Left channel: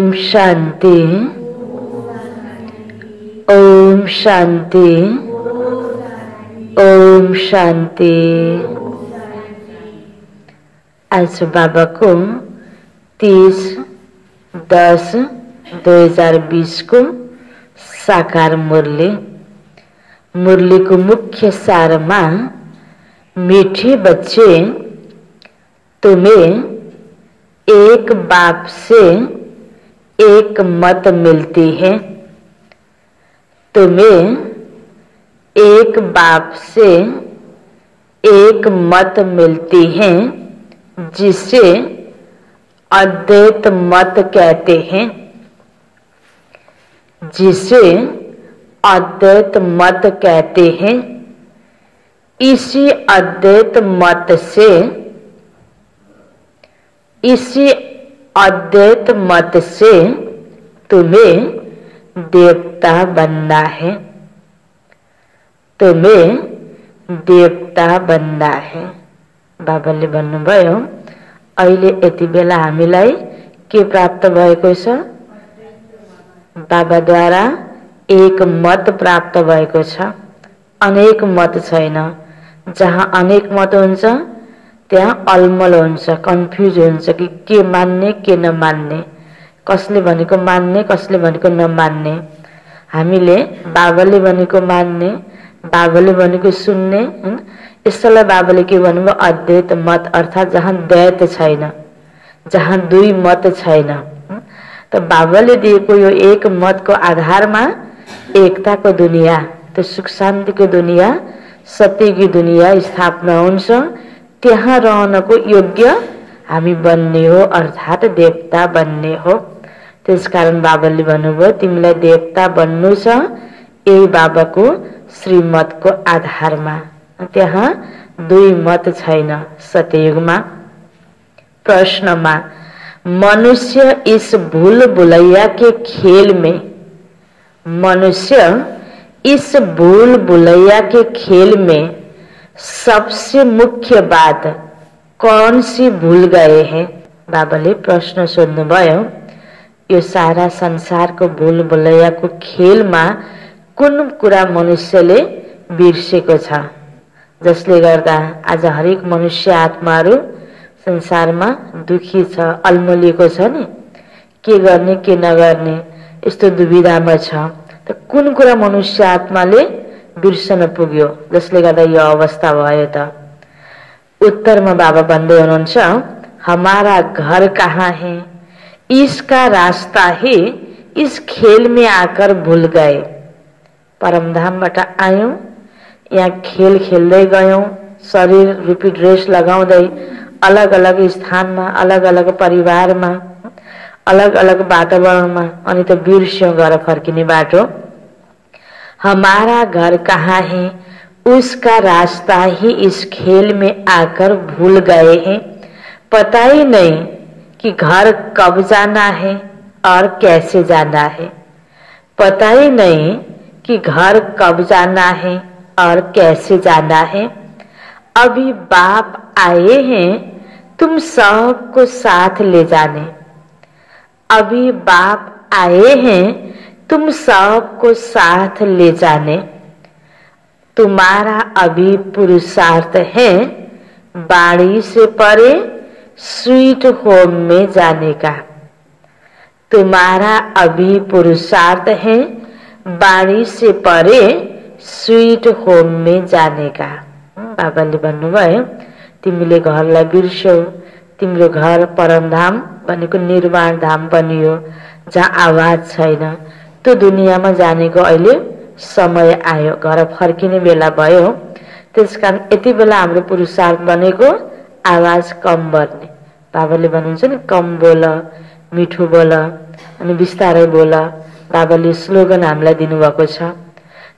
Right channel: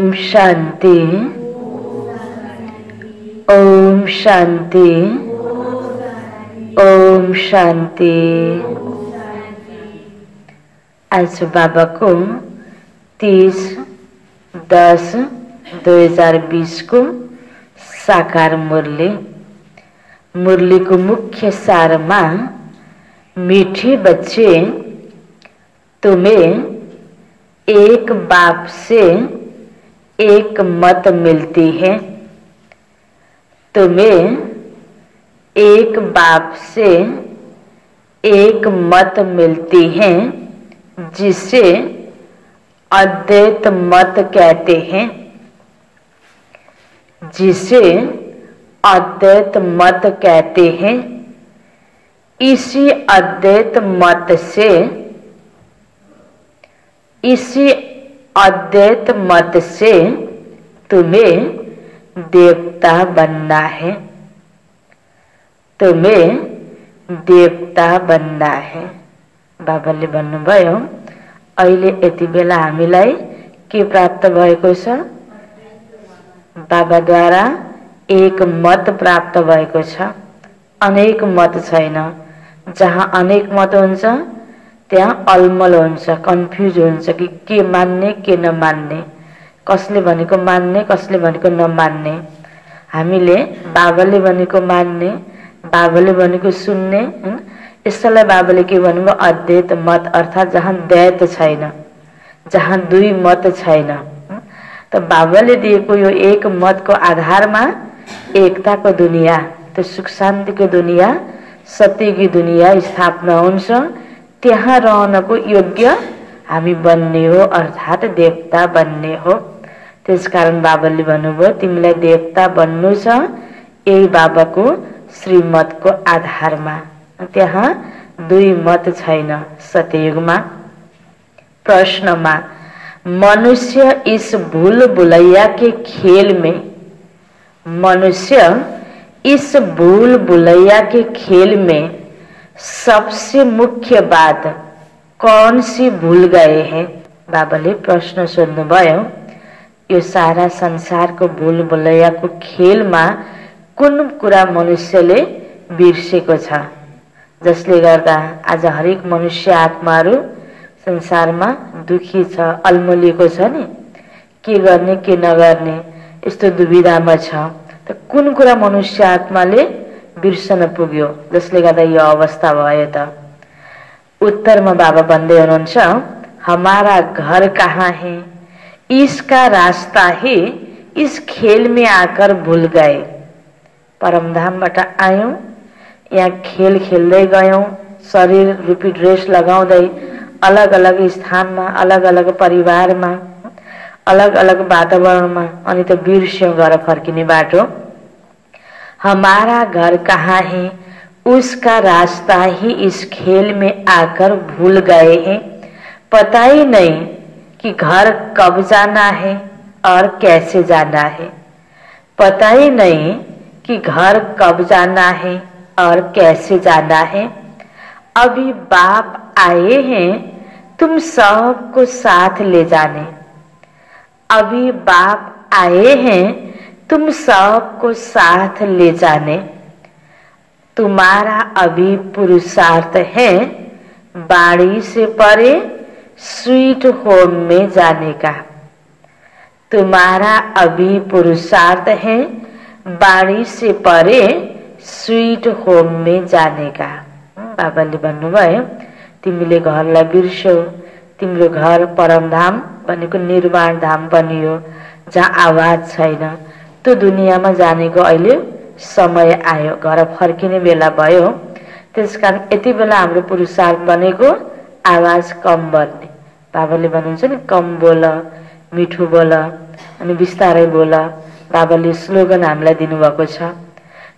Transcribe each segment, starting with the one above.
शांति। ओम शांति। ओम शांति। आज बाबा को 30/10/2020 को साकार मुरली को मुख्य सार में, मीठे बच्चे तुम्हें एक बाप से एक मत मिलती है। तुम्हें एक बाप से एक मत मिलती है जिसे अद्वैत मत कहते हैं। जिसे अद्वैत मत कहते हैं। इसी अद्वैत मत से तुम्हें देवता बनना है। तुम्हें देवता बनना है। बाबाले भन्नुभयो अहिले यति बेला हामीलाई के प्राप्त भएको छ? बाबाद्वारा एक मत प्राप्त भएको छ। अनेक मत छैन। जहाँ अनेक मत हुन्छ त्यहाँ अलमल हुन्छ, कन्फ्युज हुन्छ कि के मान्ने के नमान्ने, कसले भनेको मान्ने कसले भनेको नमान्ने। हामीले बाबाले भनेको मान्ने, बाबाले भनेको सुन्ने। यसलाई बाबाले के भन्नुभयो? अद्वैत मत, अर्थात जहाँ द्वैत छैन, जहाँ दुई मत छैन। तो बाबाले दिएको यो एक मतको आधारमा एकताको दुनिया, तो सुख शान्तिको दुनिया, सत्यकी दुनिया स्थापना हुन्छ। त्यहाँ रहनको योग्य हामी बन्ने हो, अर्थात देवता बन्ने हो। त्यसकारण बाबाले भन्नुभयो तिमीलाई देवता बन्नु छ यही बाबाको श्रीमतको आधारमा। त्यहाँ दुई मत छैन सत्ययुगमा। प्रश्नमा मनुष्य इस भूल भुलैया के खेल में, मनुष्य इस भूल भुलैया के खेल में सबसे मुख्य बात कौन सी भूल गए हैं? बाबाले प्रश्न सोध्नुभयो यो सारा संसारको भूल भुलैयाको खेलमा कुन कुरा मनुष्यले बिर्सेको छ, जसले गर्दा आज हरेक मनुष्य आत्माहरू संसारमा दुखी छ, अलमलिएको छ नि, के गर्ने के नगर्ने यस्तो दुविधामा छ। त कुन कुरा मनुष्य आत्माले बिर्सन पुग्यो जसले गर्दा यो अवस्था भयो त? उत्तरमा बाबा भन्दै हुनुहुन्छ हमारा घर कहाँ है, इसका रास्ता ही इस खेल में आकर भूल गए। परमधामबाट आयौं, यहाँ खेल खेल्दै गयौं, शरीर रूपी ड्रेस लगाउँदै अलग अलग स्थानमा, अलग अलग परिवारमा, अलग अलग वातावरणमा, अनि त बिर्स्यौं घर फर्किने बाटो। हमारा घर कहाँ है, उसका रास्ता ही इस खेल में आकर भूल गए हैं। पता ही नहीं कि घर कब जाना है और कैसे जाना है। पता ही नहीं कि घर कब जाना है और कैसे जाना है। अभी बाप आए हैं तुम सबको साथ ले जाने। अभी बाप आए हैं तुम सबको साथ ले जाने। तुम्हारा अभी पुरुषार्थ है बाड़ी से परे स्वीट होम में जाने का। तुम्हारा अभी पुरुषार्थ है बाड़ी से परे स्वीट होम में जाने का। बाबाले भन्नुभयो तिमीले घरलाई बिर्स्यौ, तिम्रो घर परमधाम भनेको निर्वाण धाम बनियो जहाँ आवाज छैन। त्यो दुनियाँमा जानेको अहिले समय आयो, घर फर्किने बेला भयो। त्यसकारण यति बेला हाम्रो पुरुषार्थ बनेको आवाज कम गर्ने। बाबाले भन्नुहुन्छ नि कम बोल, मिठो बोल अनि बिस्तारै बोल। बाबाले स्लोगन हामीलाई दिनुभएको छ।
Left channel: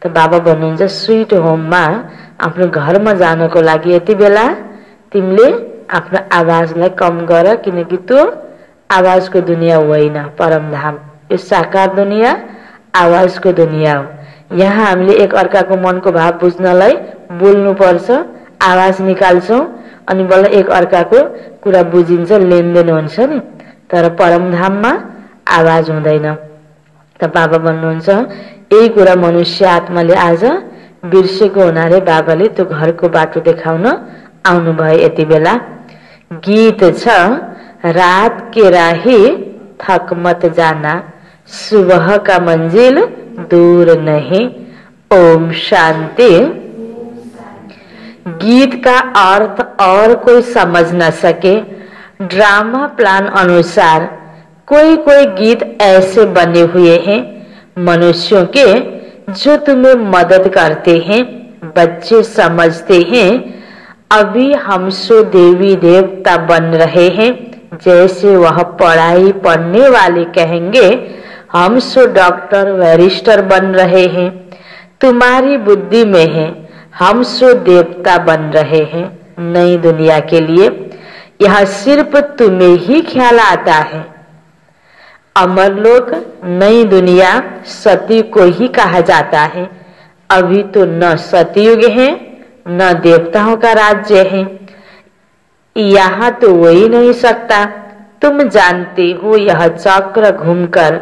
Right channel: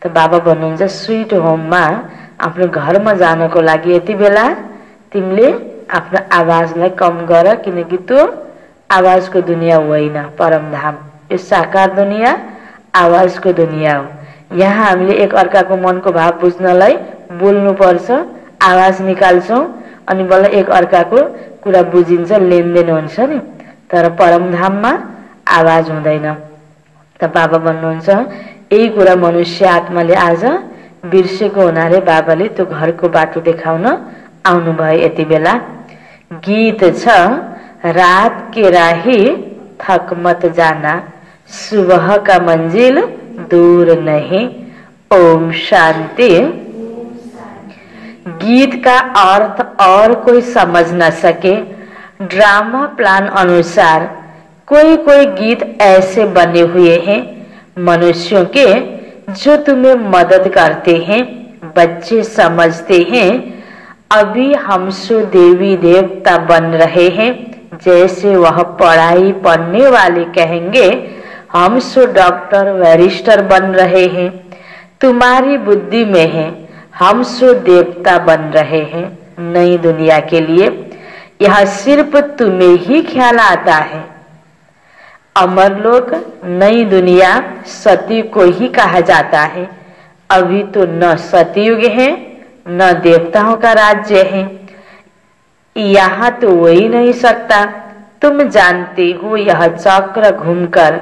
त बाबा भन्नुहुन्छ स्वीट होममा, आफ्नो घरमा जानको लागि यति बेला तिमीले आफ्नो आवाजलाई कम गर, किनकि त्यो आवाजको दुनिया होइन परमधाम। यो साकार दुनिया आवाजको दुनिया हो। यहाँ हामीले एक अर्काको मनको भाव बुझ्नलाई बोल्नु पर्छ, आवाज निकाल्छौं अनि बल्ल एक अर्काको कुरा बुझिन्छ, लेनदेन हुन्छ नि। तर परमधाममा आवाज हुँदैन। त बाबा भन्नुहुन्छ यही कुरा मनुष्य आत्माले आज बिर्सेको हुनाले बाबाले त्यो घरको बाटो देखाउन आउनुभयो। यति बेला गीत छ, रात के राही थक मत जाना, सुबह का मंजिल दूर नहीं, ओम शांति। गीत का अर्थ और कोई समझ न सके। ड्रामा प्लान अनुसार कोई कोई गीत ऐसे बने हुए हैं मनुष्यों के जो तुम्हें मदद करते हैं। बच्चे समझते हैं अभी हम सो देवी देवता बन रहे हैं, जैसे वह पढ़ाई पढ़ने वाले कहेंगे हम सो डॉक्टर बैरिस्टर बन रहे हैं। तुम्हारी बुद्धि में है हम सो देवता बन रहे हैं। नई दुनिया के लिए यह सिर्फ तुम्हें ही ख्याल आता है। अमरलोक नई दुनिया सतयुग को ही कहा जाता है। अभी तो न सतयुग है न देवताओं का राज्य है। यहाँ तो हो ही नहीं सकता। तुम जानते हो यह चक्र घूमकर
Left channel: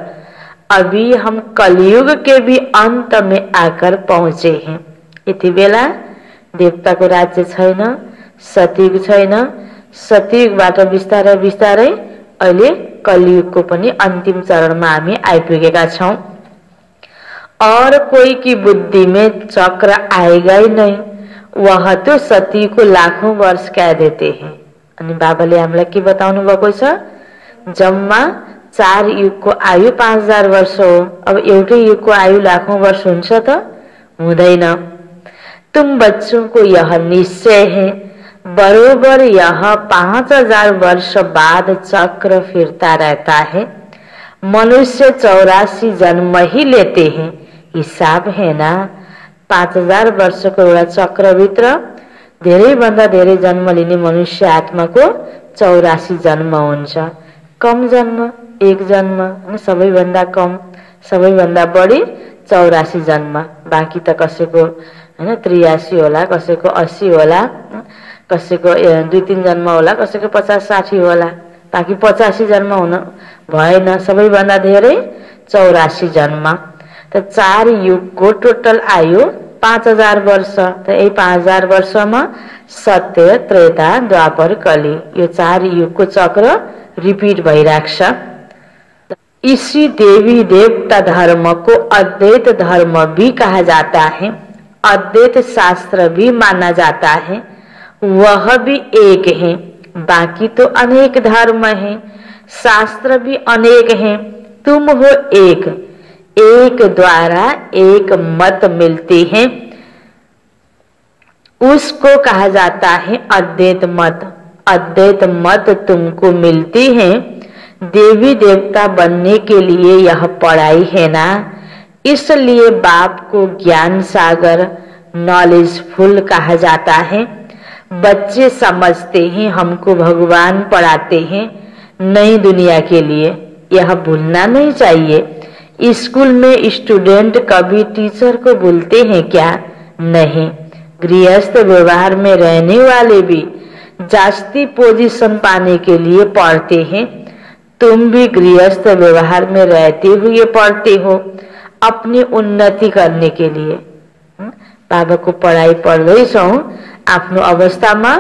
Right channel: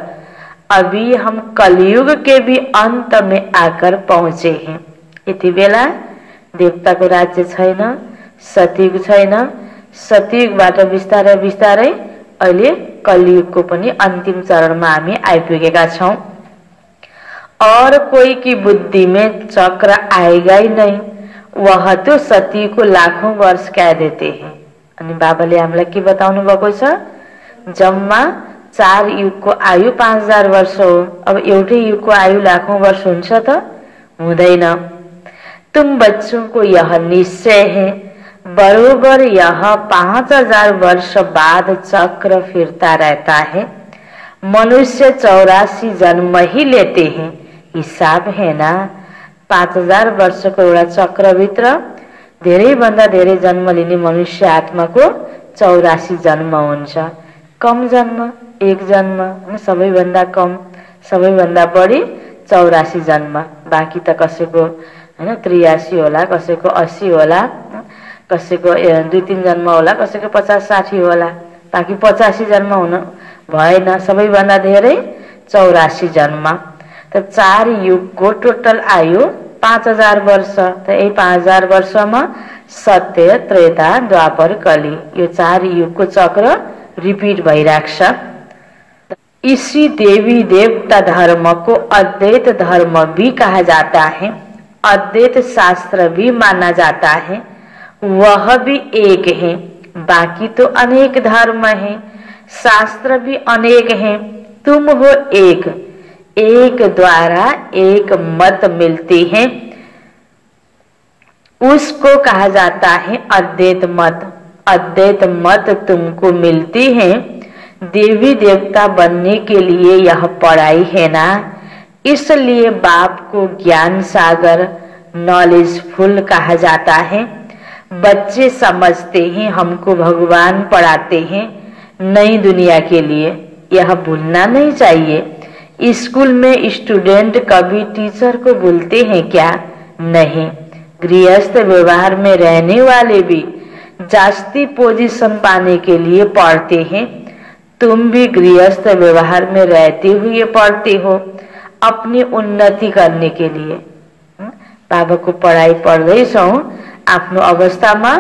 अभी हम कलयुग के भी अंत में आकर पहुंचे हैं। यति बेला देवताको राज्य छैन, सतयुग छैन। सतयुगबाट बिस्तारै बिस्तारै अहिले कलयुगको पनि अंतिम चरणमा हामी आइपुगेका छौं। और कोई की बुद्धि में चक्र आएगा ही नहीं, वह तो सतयुग को लाखौं वर्ष कह देते हैं। अनि बाबाले हामीलाई के बताउनु भएको छ, जम्मा 4 युगको आयु 5000 वर्ष हो। अब एउटै युगको आयु लाखौं वर्ष हुन्छ त? हुँदैन। तुम बच्चों को यह निश्चय है बरोबर यह 5000 वर्ष बाद चक्र फिरता रहता है। मनुष्य 84 जन्म ही लेते हैं। हिसाब है ना, 5000 वर्षको एउटा चक्रभित्र धेरै भन्दा धेरै जन्म लिने मनुष्य आत्माको 84 जन्म हुन्छ। कम जन्म 1 जन्म, सबैभन्दा कम सबैभन्दा बढी 84 जन्म। बाँकी त कसैको 83 होला, कसैको 80 होला, कसैको 2-3 जन्म होला, कसैको 50-60 होला। बाँकी 85 जन्म हुन भएन, सबैभन्दा धेरै 84 जन्म। त 4 युगको टोटल आयु 5000 वर्ष। त यही 5000 वर्षमा सत्य, त्रेता, द्वापर, कली यो 4 युगको चक्र रिपीट भइराख्छ। इसी देवी देवता धर्म को अद्वैत धर्म भी कहा जाता है। अद्वैत शास्त्र भी माना जाता है। वह भी एक है, बाकी तो अनेक धर्म हैं, शास्त्र भी अनेक हैं। तुम हो एक, एक द्वारा एक मत मिलती है, उसको कहा जाता है अद्वैत मत। अद्वैत मत तुमको मिलती है देवी देवता बनने के लिए यह पढ़ाई है ना, इसलिए बाप को ज्ञान सागर नॉलेजफुल कहा जाता है। बच्चे समझते हैं हमको भगवान पढ़ाते हैं नई दुनिया के लिए, यह भूलना नहीं चाहिए। स्कूल में स्टूडेंट कभी टीचर को भूलते हैं क्या? नहीं। गृहस्थ व्यवहार में रहने वाले भी जास्ती पोजीशन पाने के लिए पढ़ते हैं। तुम भी गृहस्थ व्यवहार में रहते हुए पढ़ते हो अपनी उन्नति करने के लिए। बाबाको पढाइ पढ्दैछौ आफ्नो अवस्थामा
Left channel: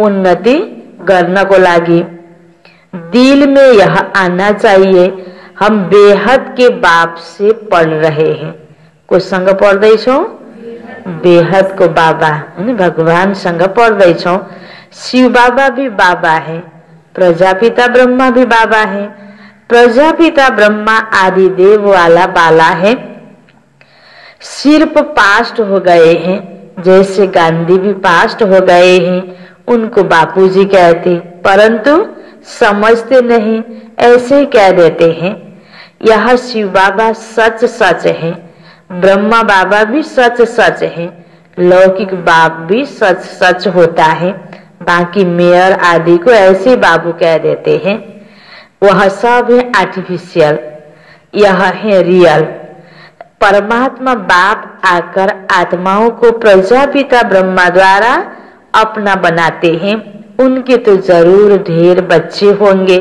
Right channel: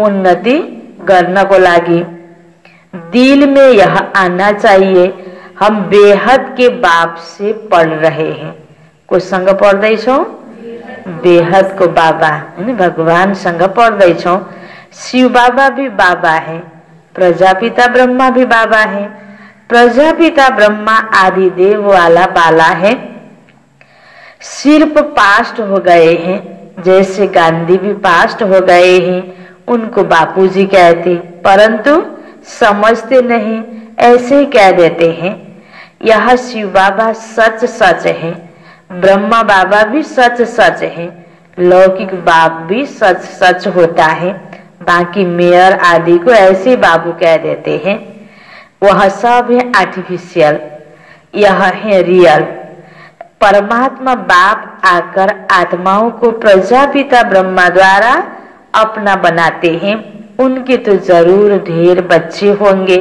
उन्नति गर्नको लागि। दिल में यह आना चाहिए हम बेहद के बाप से पढ़ रहे हैं। कोसँग पढ्दैछौ? बेहद को बाबा हैन, भगवान सँग पढ्दैछौ। शिव बाबा भी बाबा है, प्रजापिता ब्रह्मा भी बाबा है। प्रजापिता ब्रह्मा आदि देव वाला बाला है। सिर्फ पास्ट हो गए हैं, जैसे गांधी भी पास्ट हो गए हैं, उनको बापूजी कहते, परंतु समझते नहीं, ऐसे ही कह देते हैं। यह शिव बाबा सच सच है, ब्रह्मा बाबा भी सच सच है, लौकिक बाप भी सच सच होता है। बाकी मेयर आदि को ऐसे बाबू कह देते हैं। वह सब है आर्टिफिशियल, यह है रियल। परमात्मा बाप आकर आत्माओं को प्रजापिता ब्रह्मा द्वारा अपना बनाते हैं। उनके तो जरूर ढेर बच्चे होंगे।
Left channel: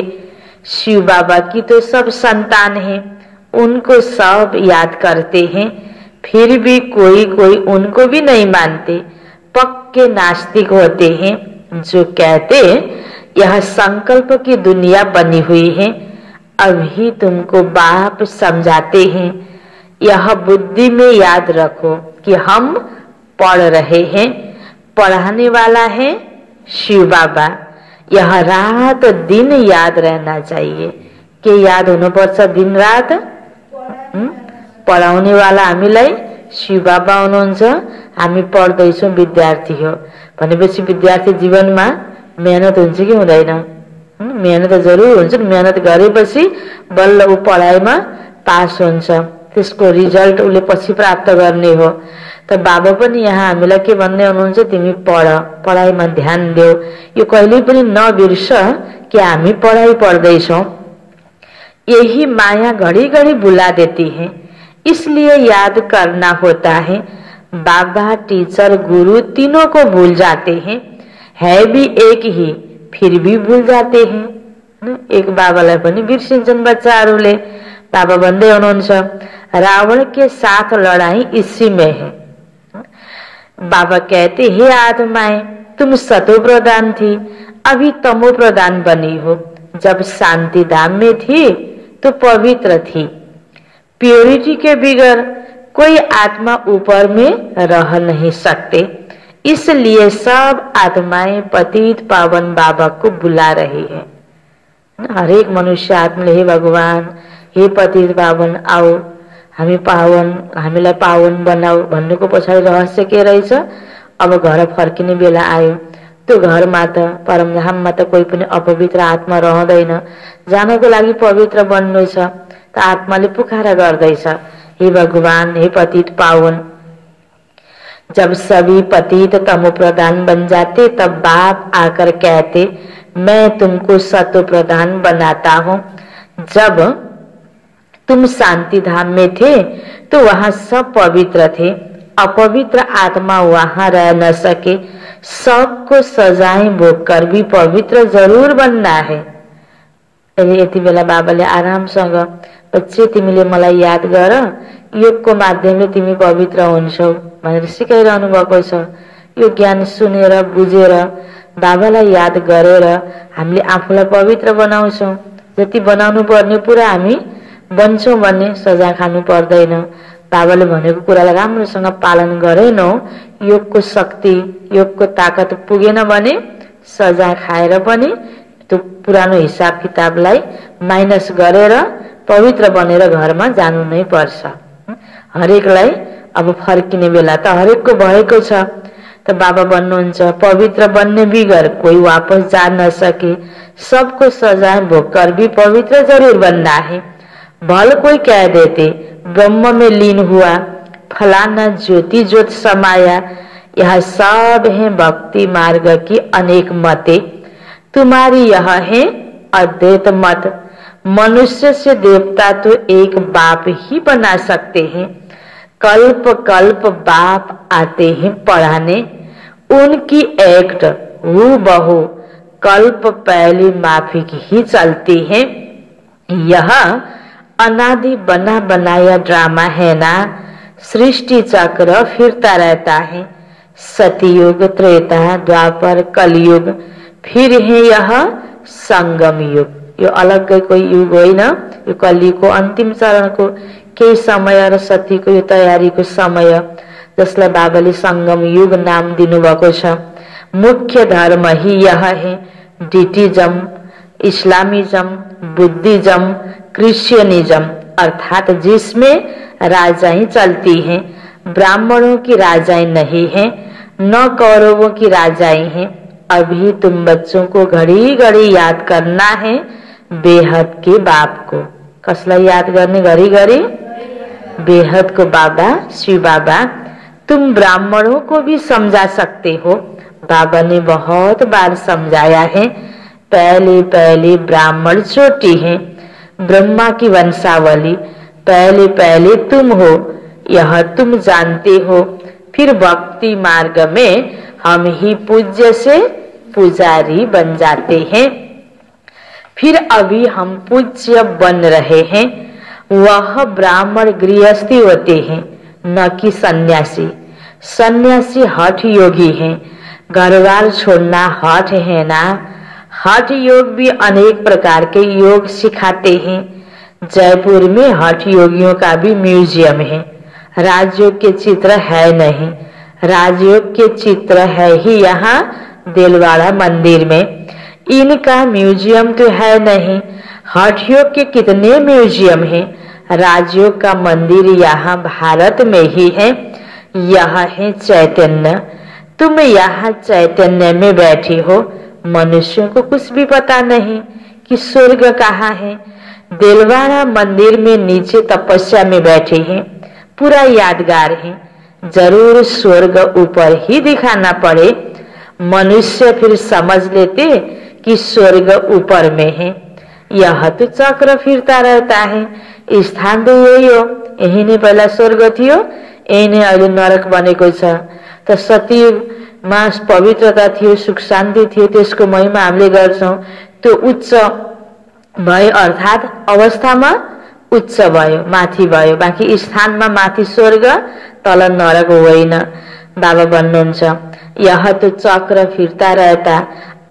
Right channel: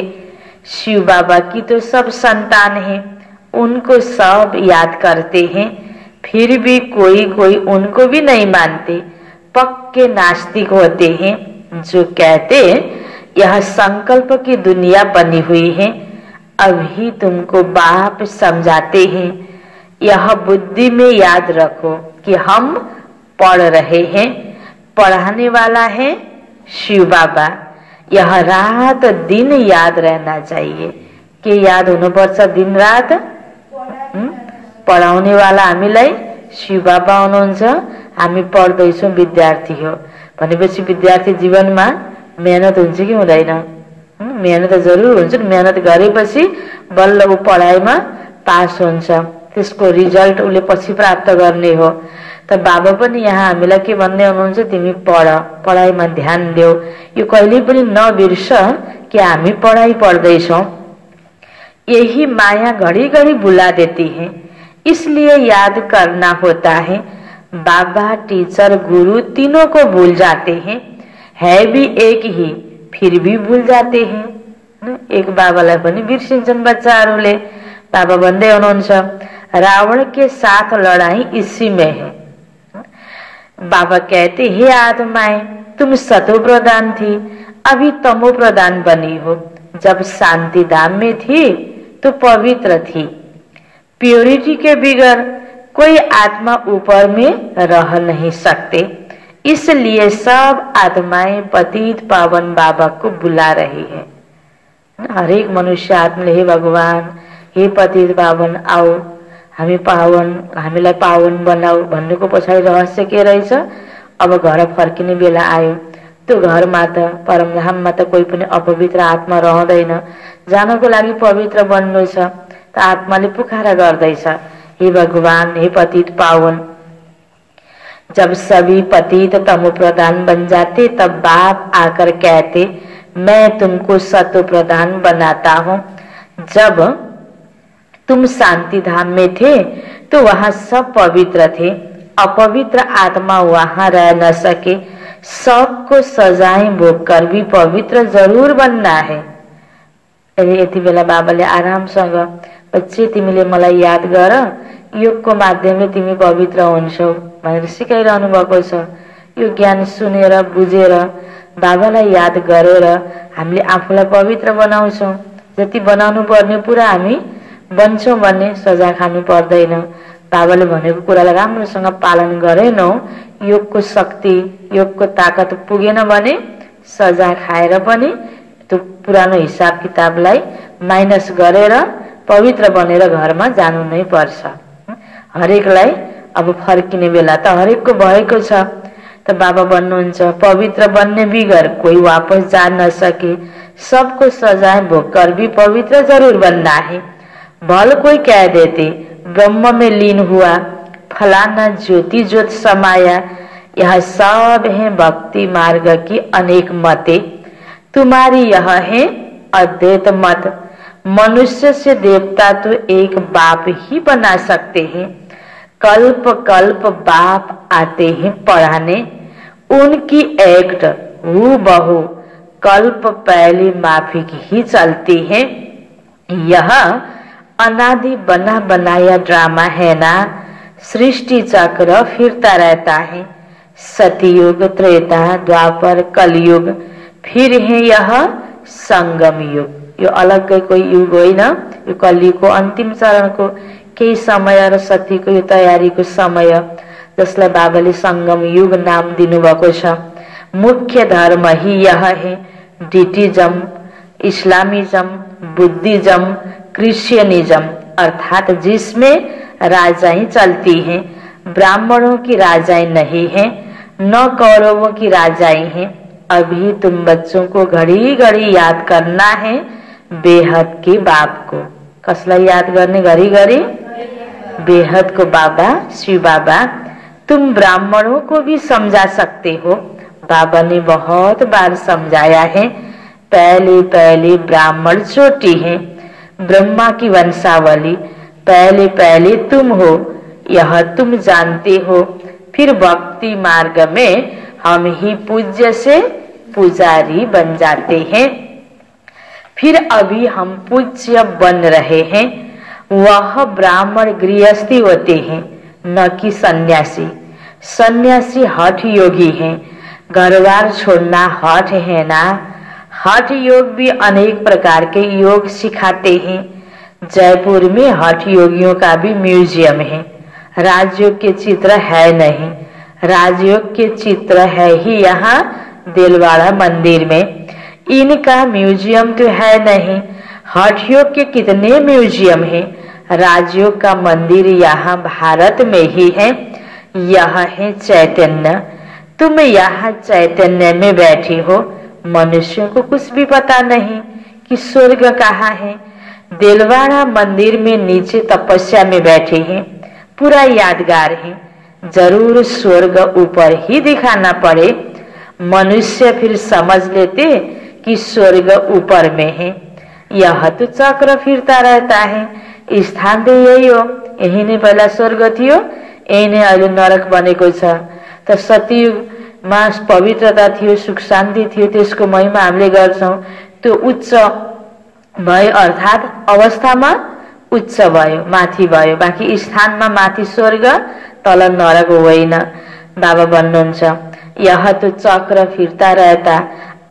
शिव बाबा की तो सब संतान हैं, उनको सब याद करते हैं, फिर भी कोई कोई उनको भी नहीं मानते, पक्के नास्तिक होते हैं जो कहते यह संकल्प की दुनिया बनी हुई है। अभी तुमको बाप समझाते हैं, यह बुद्धि में याद रखो कि हम पढ़ रहे हैं, पढ़ाने वाला है शिव बाबा। यह रात दिन याद रहना चाहिए कि याद हुनुपर्छ दिन रात। पढाउने वाला हामीलाई शिव बाबा हुनुहुन्छ, हामी पढ्दैछौँ, विद्यार्थी हो भनेपछि विद्यार्थी जीवनमा मेहनत हुन्छ कि हुँदैन? मेहनत जरुर हुन्छ। मेहनत गरेपछि बल्ल ऊ पढाइमा पास हुन्छ, त्यसको रिजल्ट उसले पछि प्राप्त गर्ने हो। त बाबा पनि यहाँ हामीलाई के भन्ने हुनुहुन्छ, तिमी पढ, पढाइमा ध्यान देऊ, यो कहिल्यै पनि नबिर्स कि हामी पढाइ पढ्दैछौँ। यही माया घड़ी घड़ी बुला देती है, इसलिए याद करना होता है। बाबा, टीचर, गुरु तीनों को भूल जाते हैं, है भी एक ही फिर भी भूल जाते हैं। एक बाबालाई पनि बिर्सिन्छन् बच्चाहरूले। बाबा भन्दै हुनुहुन्छ, रावण के साथ लड़ाई इसी में है। बाबा कहते, हे आत्माएं, तुम सतो प्रधान थी, अभी तमो प्रधान बनी हो। जब शांति धाम में थी तो पवित्र थी। प्योरिटी के बिगर कोई आत्मा ऊपर में रह नहीं सकते, इसलिए सब आत्माएं पतित पावन बाबा को बुला रही है। हरेक मनुष्य आत्माले हे भगवान, हे पतित पावन, आओ हामी पावन, हामीलाई पावन बनाऊ भन्नुको पछाडि रहस्य के रहेछ? अब घर फर्किने बेला आयो, त्यो घरमा त परमधाममा त कोही पनि अपवित्र आत्मा रहँदैन, जानको लागि पवित्र बन्नु छ। त आत्माले पुकारा गर्दैछ, हे भगवान, हे पतित पावन। जब सभी पतित तमो प्रधान बन जाते तब बाप आकर कहते, मैं तुमको सतो प्रधान बनाता हूँ। जब तुम शांति धाम में थे तो वहां सब पवित्र थे, अपवित्र आत्मा वहां रह न सके। सबको सजाएं भोग कर भी पवित्र जरूर बनना है। यति बेला बाबाले आरामसँग, बच्चे तिमीले मलाई याद गर, योगको माध्यमले तिमी पवित्र हुन्छौ भनेर सिकाइरहनु भएको छ। यो ज्ञान सुनेर बुझेर बाबालाई याद गरेर हामीले आफूलाई पवित्र बनाउँछौँ। जति बनाउनु पर्ने पुरा हामी बन्छौँ भन्ने सजाय खानु पर्दैन। बाबाले भनेको कुरालाई राम्रोसँग पालन गरेनौ, योगको शक्ति, योगको ताकत पुगेन भने सजाय खाएर पनि त्यो पुरानो हिसाब किताबलाई माइनस गरेर पवित्र बनेर घरमा जानु नै पर्छ। हरेकलाई अब फर्किने बेला त हरेकको भएको छ। त बाबा भन्नुहुन्छ, पवित्र बनने बिगर कोई वापस जा न सके, सबको सजाए भोग कर भी पवित्र जरूर बनना है। भल कोई कह देते ब्रह्म में लीन हुआ, फलाना ज्योति ज्योत समाया, यह सब है भक्ति मार्ग की अनेक मते, तुम्हारी यह है अद्वैत मत। मनुष्य से देवता तो एक बाप ही बना सकते हैं, कल्प कल्प बाप आते हैं पढ़ाने, उनकी एक्ट हूबहू कल्प पहली माफिक ही चलती है। यह अनादि बना बनाया ड्रामा है ना, सृष्टि चक्र फिरता रहता है। सतयुग, त्रेता, द्वापर, कलयुग, फिर है यह संगम युग। यो अलग्गै कोही युग होइन, यो कलियुगको अन्तिम चरणको केही समय र सतीको यो तयारीको समय, जसलाई बाबाले संगम युग नाम दिनुभएको छ। मुख्य धर्म ही यह है, डिटिज्म, इस्लामिज्म, बुद्धिज्म, क्रिश्चियनिज्म, अर्थात जिसमें राजाएं चलती हैं। ब्राह्मणों की राजाएं नहीं है, न कौरवों की राजाएं हैं। अभी तुम बच्चों को घड़ी घड़ी याद करना है बेहद के बाप को। कसलाई याद गर्ने घड़ी घड़ी? बेहद को बाबा, शिव बाबा। तुम ब्राह्मणों को भी समझा सकते हो, बाबा ने बहुत बार समझाया है। पहले पहले ब्राह्मण चोटी है, ब्रह्मा की वंशावली, पहले पहले तुम हो, यह तुम जानते हो। फिर भक्ति मार्ग में हम ही पूज्य से पुजारी बन जाते हैं। फिर अभी हम पूज्य बन रहे हैं, वह ब्राह्मण गृहस्थी होते हैं, न कि सन्यासी। सन्यासी हठ योगी हैं, घरबार छोड़ना हठ है ना। हठ योग भी अनेक प्रकार के योग सिखाते हैं। जयपुर में हठ योगियों का भी म्यूजियम है। राजयोग के चित्र है नहीं, राजयोग के चित्र है ही यहाँ देलवाड़ा मंदिर में। इनका म्यूजियम तो है नहीं। हठ योग के कितने म्यूजियम हैं। राजयोग का मंदिर यहाँ भारत में ही है। यह है चैतन्य। तुम यहाँ चैतन्य में बैठी हो। मनुष्यों को कुछ भी पता नहीं कि स्वर्ग कहाँ है। देलवाड़ा मंदिर में नीचे तपस्या में बैठे हैं, पूरा यादगार है। जरूर स्वर्ग ऊपर ही दिखाना पड़े, मनुष्य फिर समझ लेते कि स्वर्ग ऊपर में है। यह तो चक्र फिरता रहता है। स्थान तो यही हो, यही ने पहिला स्वर्ग थियो, यही ने अहिले नरक बनेको छ। त सतीमा पवित्रता थियो, सुख शान्ति थियो, त्यसको महिमा हामीले गर्छौं। त्यो उच्च भयो, अर्थात अवस्थामा उच्च भयो, माथि भयो। बाँकी स्थानमा माथि स्वर्ग, तल नरक होइन। बाबा भन्नुहुन्छ यह तो चक्र फिरता रहता,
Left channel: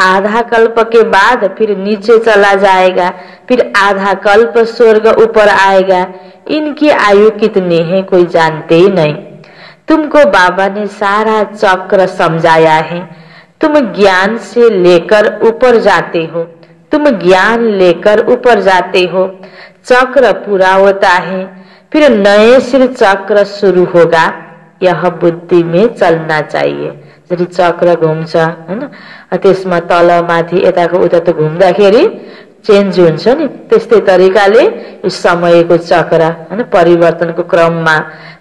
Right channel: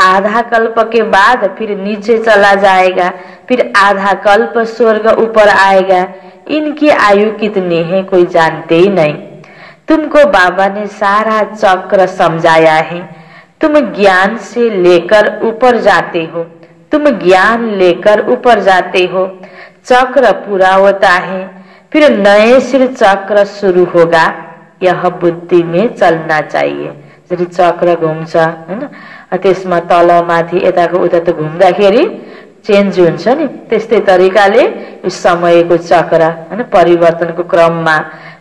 आधा कल्प के बाद फिर नीचे चला जाएगा, फिर आधा कल्प स्वर्ग ऊपर आएगा। इनकी आयु कितनी है कोई जानते ही नहीं। तुमको बाबा ने सारा चक्र समझाया है। तुम ज्ञान से लेकर ऊपर जाते हो, तुम ज्ञान लेकर ऊपर जाते हो। चक्र पूरा होता है, फिर नए सिर चक्र शुरू होगा। यह बुद्धि में चलना चाहिए। जसरी चक्र घुम्छ हैन, त्यसमा तल माथि यताको उता त घुम्दाखेरि चेन्ज हुन्छ नि, त्यस्तै तरिकाले यो समयको चक्र हैन परिवर्तनको क्रममा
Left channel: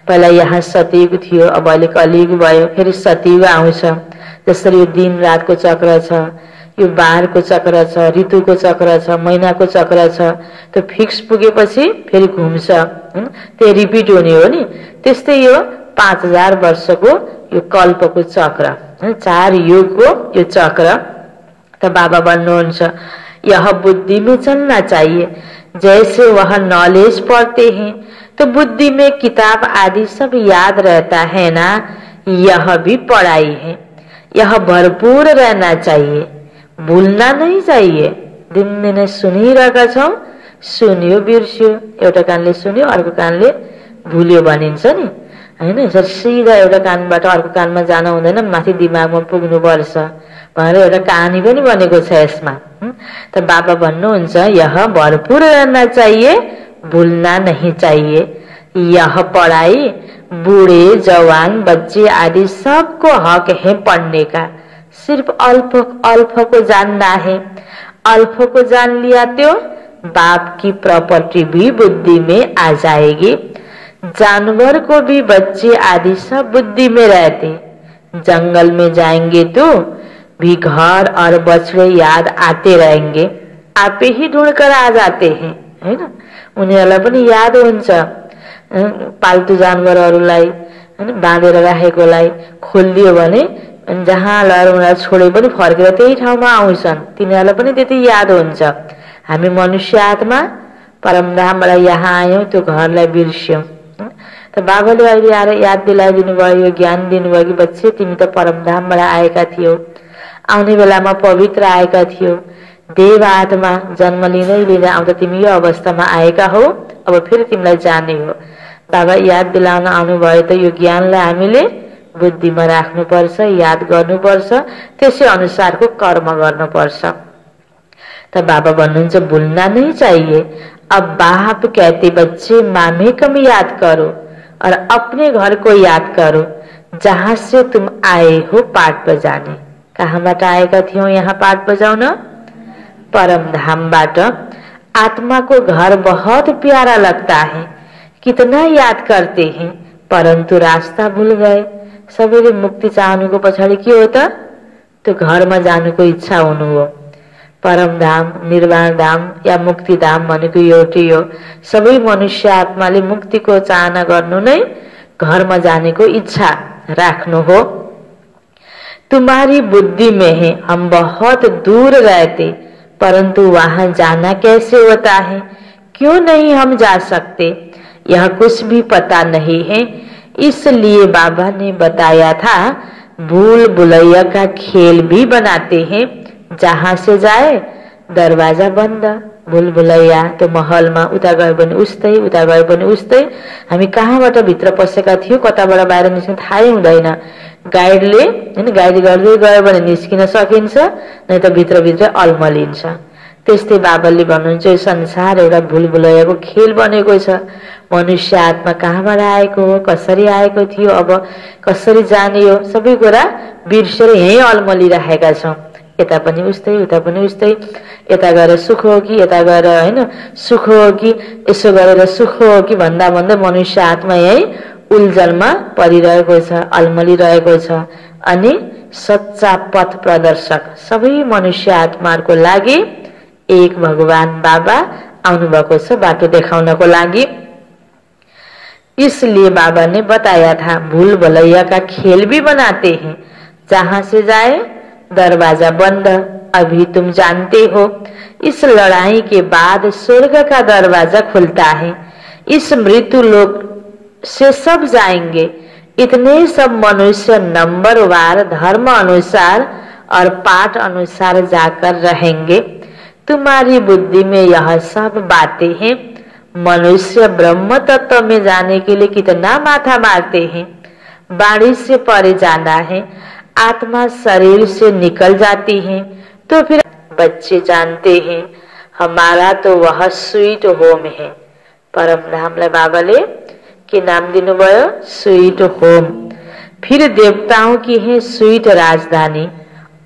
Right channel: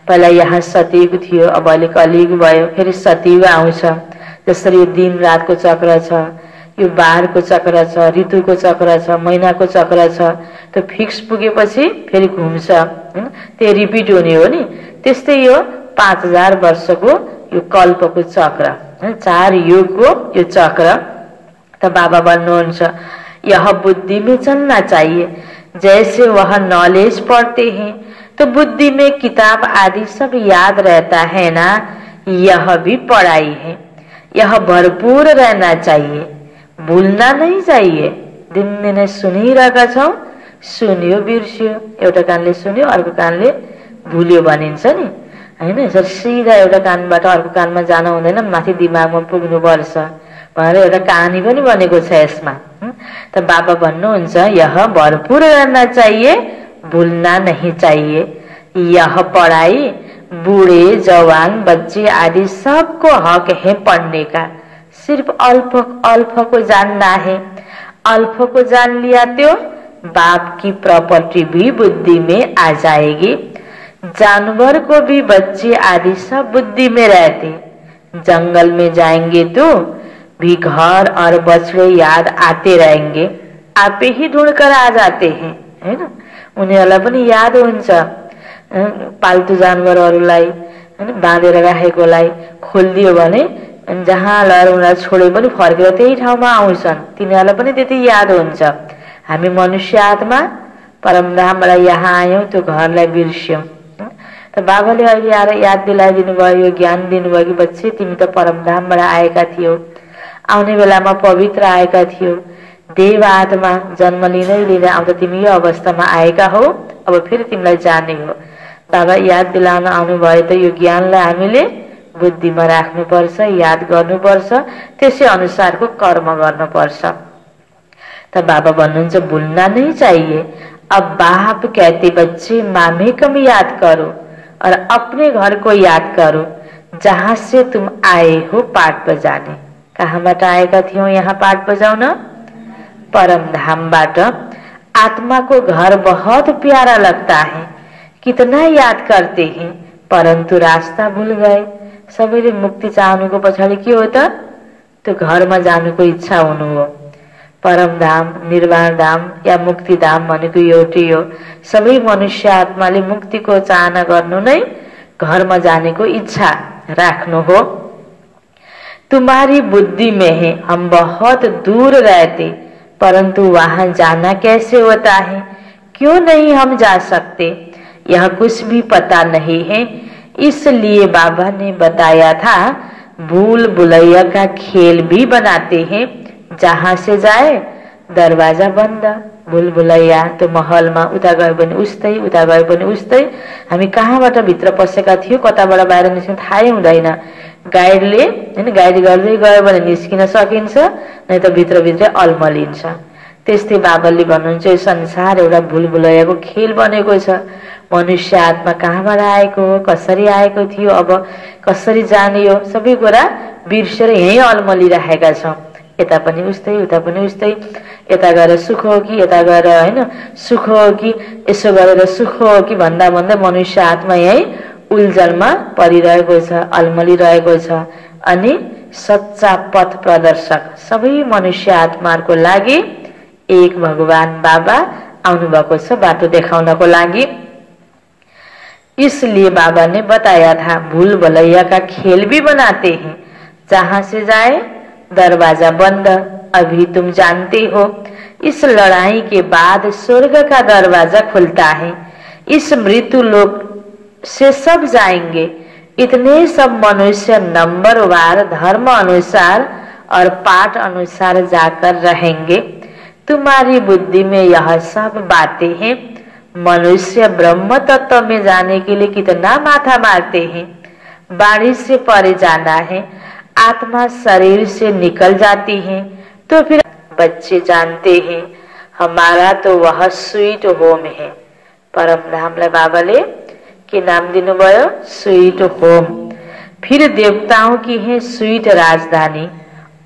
पहिला यहाँ सतयुग थियो, अब अहिले कलियुग भयो, फेरि सतयुग आउँछ। जसरी यो दिन रातको चक्र छ, यो बारको चक्र छ, ऋतुको चक्र छ, महिनाको चक्र छ, त्यो फिक्स पुगेपछि फेरि घुम्छ हैन, त्यो रिपिट हुने हो नि। त्यस्तै यो 5000 वर्षको यो कल्पको चक्र, 4 युगको यो चक्र। त बाबा भन्नुहुन्छ यह बुद्धि में चलना चाहिए। जैसे वह नॉलेज पढ़ते हैं तो बुद्धि में किताब आदि सब याद रहता है ना, यह भी पढ़ाई है। यह भरपूर रहना चाहिए, भूलना नहीं चाहिए। दिनदिनै सुनिरहेका छौं, सुन्यो बिर्स्यो, एउटा कानले सुन्यो अर्को कानले भुल्यो भनिन्छ नि हैन। यसरी सिधा एउटा कानबाट अर्को कानमा जान हुँदैन, माथि दिमागमा पुग्नुपर्छ भनेर एउटा कहानी पनि बनेको छ यसमा। त बाबा भन्नुहुन्छ यह भरपूर रहना चाहिए, भूलना नहीं चाहिए। यह पढ़ाई बूढ़े जवान बच्चे आदि सबको हक है पढ़ने का। सिर्फ अल्प को जानना है। अल्प को जान लिया तो बाप की प्रॉपर्टी भी बुद्धि में आ जाएगी। जानवर को भी बच्चे आदि सब बुद्धि में रहते। जंगल में जाएंगे तो भी घर और बछड़े याद आते रहेंगे, आपे ही ढूंढकर आ जाते हैं है ना। उनीहरूलाई पनि याद हुन्छ। पाल्तु जानवरहरूलाई हैन बाँधेर राखेकोलाई खोलिदियो भने जहाँ लगेर उनीहरूलाई छोडे पनि फर्केर त्यही ठाउँमा आउँछन्, तिनीहरूलाई पनि त्यति याद हुन्छ। हामी मनुष्य आत्मा परमधामबाट यहाँ आयौं, त्यो घरलाई बिर्स्यौं। त बाबाले अहिले आएर याद दिलाइदिनु भयो, यो ज्ञान दिनुभयो कि बच्चे तिमी त परमधामबाट आएका थियौ, आउने बेलामा पवित्र आएका थियौ, देव आत्मा जन्म लिँदै आउँदा तिमी यो अवस्थामा आएका हो, अब फेरि तिमीलाई जाने हो। बाबा याद दिलाउन आउनुभयो त यो ज्ञानलाई हामीले बुद्धिमा राख्नुपर्छ, याद गर्नुपर्छ, त्यसै अनुसारको कर्म गर्नुपर्छ। त बाबा भन्नुहुन्छ भूलना नहीं चाहिए। अब बाप कहते बच्चे मामे कम याद करो और अपने घर को याद करो जहाँ से तुम आए हो पाठ बजाने। कहाँबाट आएका थियौ यहाँ पाठ बजाउन? परम धामबाट। आत्मा को घर बहुत प्यारा लगता है, कितना याद करते हैं, परंतु रास्ता भूल गए। सबैले मुक्ति चाहनुको पछाडि के हो त? त्यो घरमा जानुको इच्छा हुनु हो। परम धाम, निर्वाण धाम या मुक्ति धाम भनेको एउटै हो। सबै मनुष्य आत्माले मुक्तिको चाहना गर्नु नै घरमा जानेको इच्छा राख्नु हो। तुम्हारी बुद्धि में है हम बहुत दूर रहते, परंतु वहां जाना कैसे होता है, क्यों नहीं हम जा सकते, यह कुछ भी पता नहीं है। इसलिए बाबा ने बताया था भूल भुलैया का खेल भी बनाते हैं, जहां से जाए दरवाजा बन्द। भूल भुलैया तो महलमा उता गयो भने उस्तै, उता गयो भने उस्तै। हामी कहाँबाट भित्र पसेका थियौं, कताबाट बाहिर निस्किन थाहै हुँदैन। गाइडले हैन गाइड गर्दै गयो भने निस्किन सकिन्छ, नै त भित्रभित्रै अल्मलिन्छ। त्यस्तै बाबाले भन्नुहुन्छ यो संसार एउटा भूल भुलैयाको खेल बनेको छ। मनुष्य आत्मा कहाँबाट आएको हो, कसरी आएको थियो, अब कसरी जाने हो, सबै कुरा बिर्सेर यही अल्मलिरहेका छौं। यता पनि उस्तै, उता पनि उस्तै। यता गएर सुख हो कि यता गएर हैन सुख हो कि, यसो गरेर सुख हो कि भन्दा भन्दै मनुष्य आत्मा यही उल्झनमा परिरहेको छ, अल्मलिरहेको छ। अनि सच्चा पथ प्रदर्शक सबै मनुष्य आत्माहरूको लागि एक भगवान बाबा आउनु भएको छ बाटो देखाउनको लागि। इसलिए बाबा ने बताया था भूल भुलैया का खेल भी बनाते हैं, जहां से जाए दरवाजा बंद। अभी तुम जानते हो इस लड़ाई के बाद स्वर्ग का दरवाजा खुलता है। इस मृत्यु लोक से सब जाएंगे। इतने सब मनुष्य नंबरवार धर्म अनुसार और पाठ अनुसार जाकर रहेंगे। तुम्हारी बुद्धि में यह सब बातें हैं। मनुष्य ब्रह्म तत्व में जाने के लिए कितना माथा मारते हैं। बाड़ी से परे जाना है, आत्मा शरीर से निकल जाती है तो फिर बच्चे जानते हैं हमारा तो वह स्वीट होम है। परम धामलाई बाबाले के नाम दिनुभयो स्वीट होम। फिर देवताओं की है स्वीट राजधानी,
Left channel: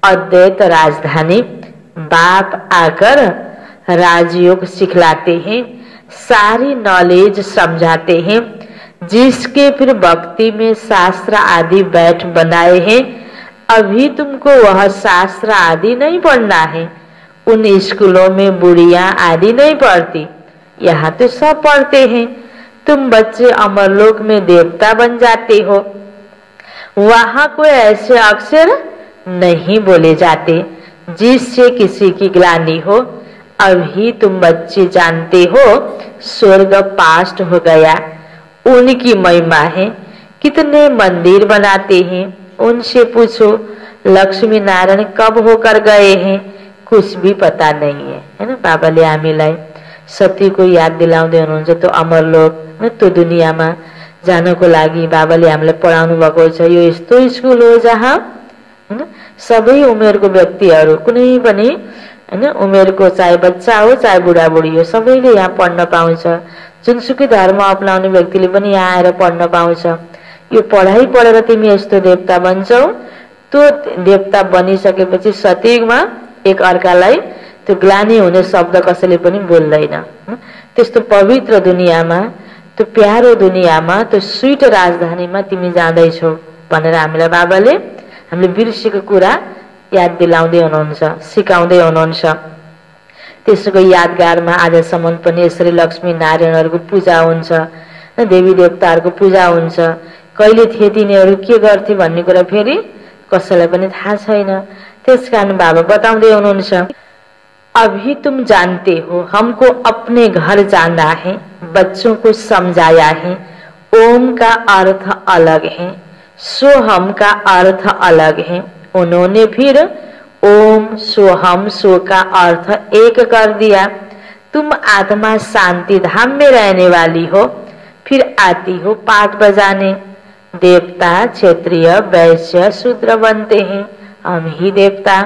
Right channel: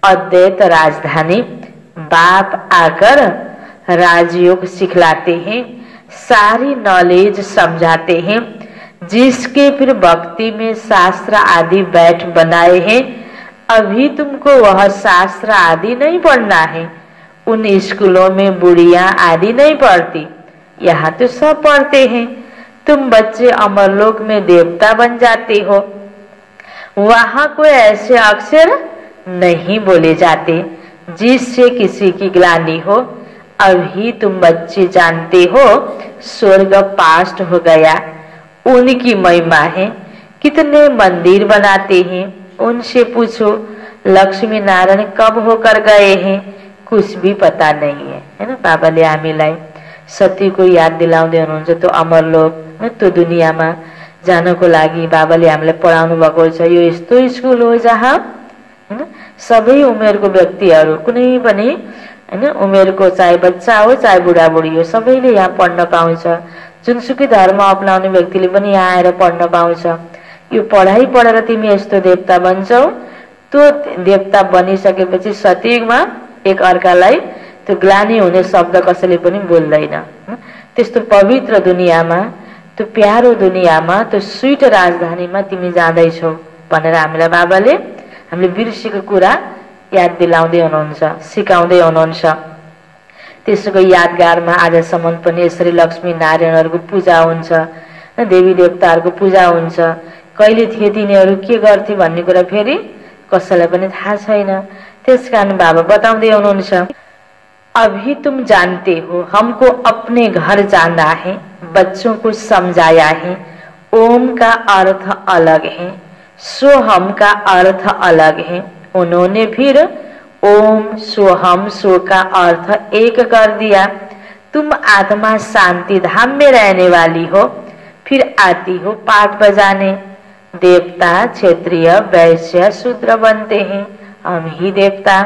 अद्वैत राजधानी। बाप आकर राजयोग सिखलाते हैं, सारी नॉलेज समझाते हैं, जिसके फिर भक्ति में शास्त्र आदि बैठ बनाए हैं। अभी तुमको वह शास्त्र आदि नहीं पढ़ना है। उन स्कूलों में बुढ़िया आदि नहीं पढ़ती, यहाँ तो सब पढ़ते हैं। तुम बच्चे अमरलोक में देवता बन जाते हो, वहां कोई ऐसे अक्षर नहीं बोले जाते जिससे किसी की ग्लानि हो। अभी तुम बच्चे जानते हो स्वर्ग पास्ट हो गया, उनकी महिमा है। कितने मंदिर बनाते हैं, उनसे पूछो लक्ष्मी नारायण कब होकर गए हैं, कुछ भी पता नहीं है ना। बाबाले हामीलाई सतीको याद दिलाउँदै हुनुहुन्छ। त्यो अमरलोक त्यो दुनियाँमा जानको लागि बाबाले हामीलाई पढाउनु भएको छ। यो यस्तो स्कुल हो जहाँ हैन सबै उमेरको व्यक्तिहरू, कुनै पनि हैन उमेरको, चाहे बच्चा हो चाहे बुढाबुढी हो, सबैले यहाँ पढ्न पाउँछ। जुनसुकै धर्म अपनाउने व्यक्तिले पनि यहाँ आएर पढ्न पाउँछ। यो पढाइ पढेर तिमी यस्तो देवता बन्छौ। त्यो देवता बनिसकेपछि सतयुगमा एक अर्कालाई त्यो ग्लानि हुने शब्द कसैले पनि बोल्दैन। त्यस्तो पवित्र दुनियाँमा, त्यो प्यारो दुनियाँमा, त्यो स्वीट राजधानीमा तिमी जाँदैछौ भनेर हामीलाई बाबाले हामीले बिर्सेको कुरा याद दिलाउँदै हुनुहुन्छ, सिकाउँदै हुनुहुन्छ। त्यसको यादगारमा आजसम्म पनि यसरी लक्ष्मी नारायणहरूको पूजा हुन्छ, देवी देवताहरूको पूजा हुन्छ। कहिले थिए तिनीहरू, के गर्थे भन्ने कुरा फेरि कसैलाई पनि थाहा छैन। त्यसकारण बाबा बताउँदै हुनुहुन्छ अभी तुम जानते हो हमको अपने घर जाना है, बच्चों को समझाया है। ओम का अर्थ अलग है, सोहम का अर्थ अलग है। उन्होंने फिर ओम सोहम सो का अर्थ एक कर दिया। तुम आत्मा शांति धाम में रहने वाली हो, फिर आती हो पाठ बजाने। देवता क्षत्रिय वैश्य शूद्र बनते हैं, हम ही देवता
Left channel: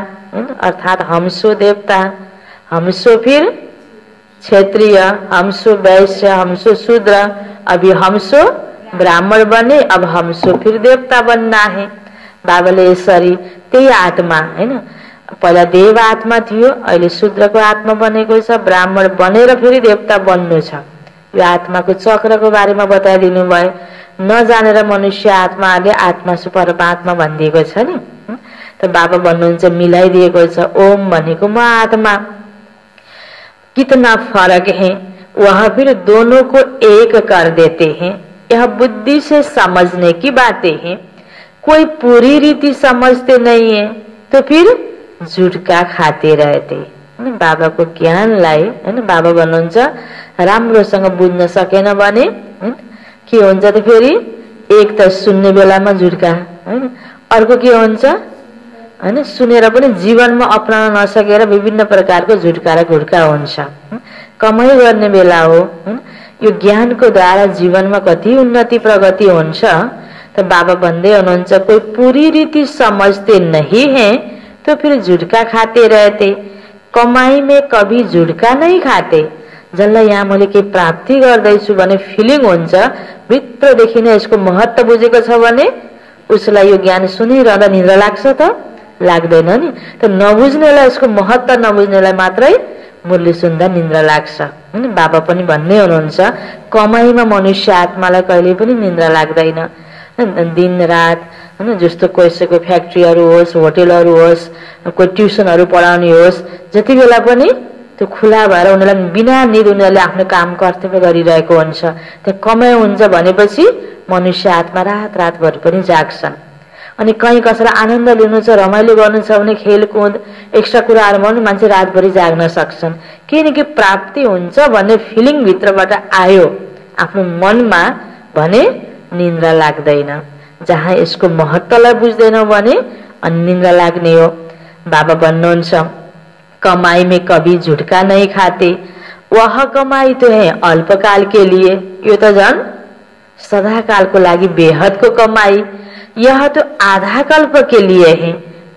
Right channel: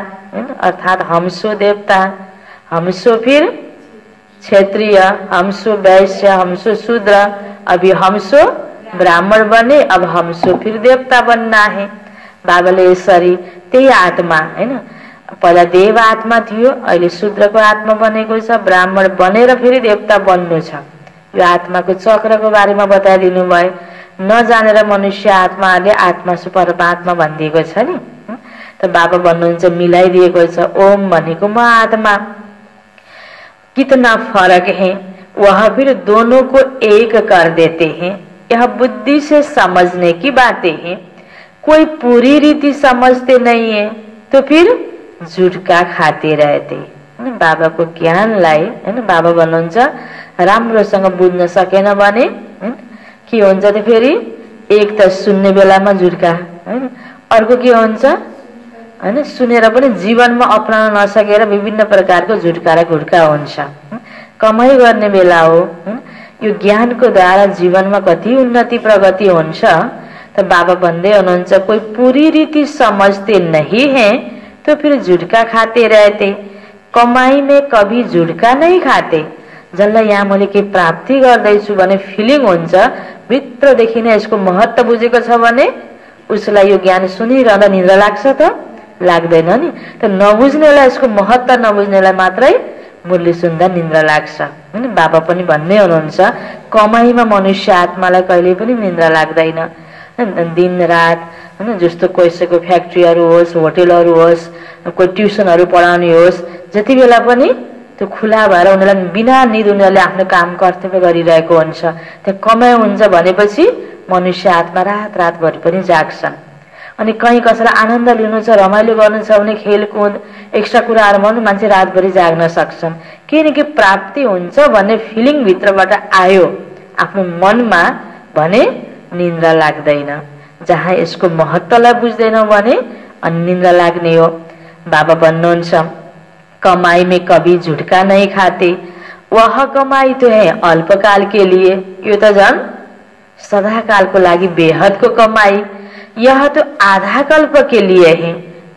अर्थात हमसो देवता, हमसो फिर क्षत्रिय, हमसो वैश्य, हमसो शूद्र, अभी हमसो ब्राह्मण बने, अब हमसो फिर देवता बनना है। बाबाले यसरी त्यही आत्मा हैन, पहिला देव आत्मा थियो, अहिले शूद्रको आत्मा बनेको छ, ब्राह्मण बनेर फेरि देवता बन्नु छ। यो आत्माको चक्रको बारेमा बताइदिनु भयो। नजानेर मनुष्य आत्माले आत्मा सु परमात्मा भनिदिएको छ नि, त बाबा भन्नुहुन्छ मिलाइदिएको छ। ओम भनेको म आत्मा, कितना फर्क है, वह फिर दोनों को एक कर देते हैं। यह बुद्धि से समझने की बातें हैं, कोई पूरी रीति समझते नहीं है तो फिर झुटका खाते रहते। हैन बाबाको ज्ञानलाई हैन बाबा भन्नुहुन्छ राम्रोसँग बुझ्न सकेन भने के हुन्छ त फेरि एक त सुन्ने बेलामा झुड्का हैन अर्को के हुन्छ हैन सुनेर पनि जीवनमा अपनाउन नसकेर विभिन्न प्रकारको झुड्का र घुड्का हुन्छ कमाई गर्ने बेला हो यो ज्ञानको द्वारा जीवनमा कति उन्नति प्रगति हुन्छ तो बाबा भन्दै हुनुहुन्छ कोई पूरी रीति समझते नहीं है तो फिर झुटका खाते रहते कमाई में कभी झुटका नहीं खाते जसलाई यहाँ मैले के प्राप्ति गर्दैछु भने फिलिङ हुन्छ भित्रदेखि नै यसको महत्त्व बुझेको छ भने उसलाई यो ज्ञान सुनिरहँदा निद्रा लाग्छ त लाग्दैन नि त नबुझ्नेलाई यसको महत्त्व नबुझ्नेलाई मात्रै मुरली सुन्दा निद्रा लाग्छ हैन बाबा पनि भन्दै हुनुहुन्छ कमाईमा मनुष्य आत्मालाई कहिले पनि निद्रा लाग्दैन दिन रात हैन जस्तो कसैको फ्याक्ट्रीहरु होस् होटलहरु होस् कोही ट्युसनहरु पढाउने होस् जति बेला पनि त्यो खुला भएर उनीलाई बिना निद उनीहरूले आफ्नो काम कर्तव्य गरिरहेको हुन्छ त्यो कमाइ हुन्छ भनेपछि मनुष्य आत्मा रात रातभरि पनि जाग्छन् अनि कहीं कसैलाई आनन्द लिनु छ रमाइलो गर्नु छ भने खेलकुद एक्स्ट्रा कुराहरुमा पनि मान्छे रातभरि जाग्न सक्छन् किनकि प्राप्ति हुन्छ भन्ने फिलिङ भित्रबाट आयो आफ्नो मनमा भने निन्द्रा लाग्दैन जहाँ यसको महत्त्वलाई बुझ्दैनौ भने अनि निन्द्रा लाग्ने हो बाबा भन्नुहुन्छ कमाई में कभी झुटका नहीं खाते वह कमाई तो है अल्पकाल के लिए यो त झन् सदा काल को लागि बेहद को कमाई यह तो आधा कल्प के लिए है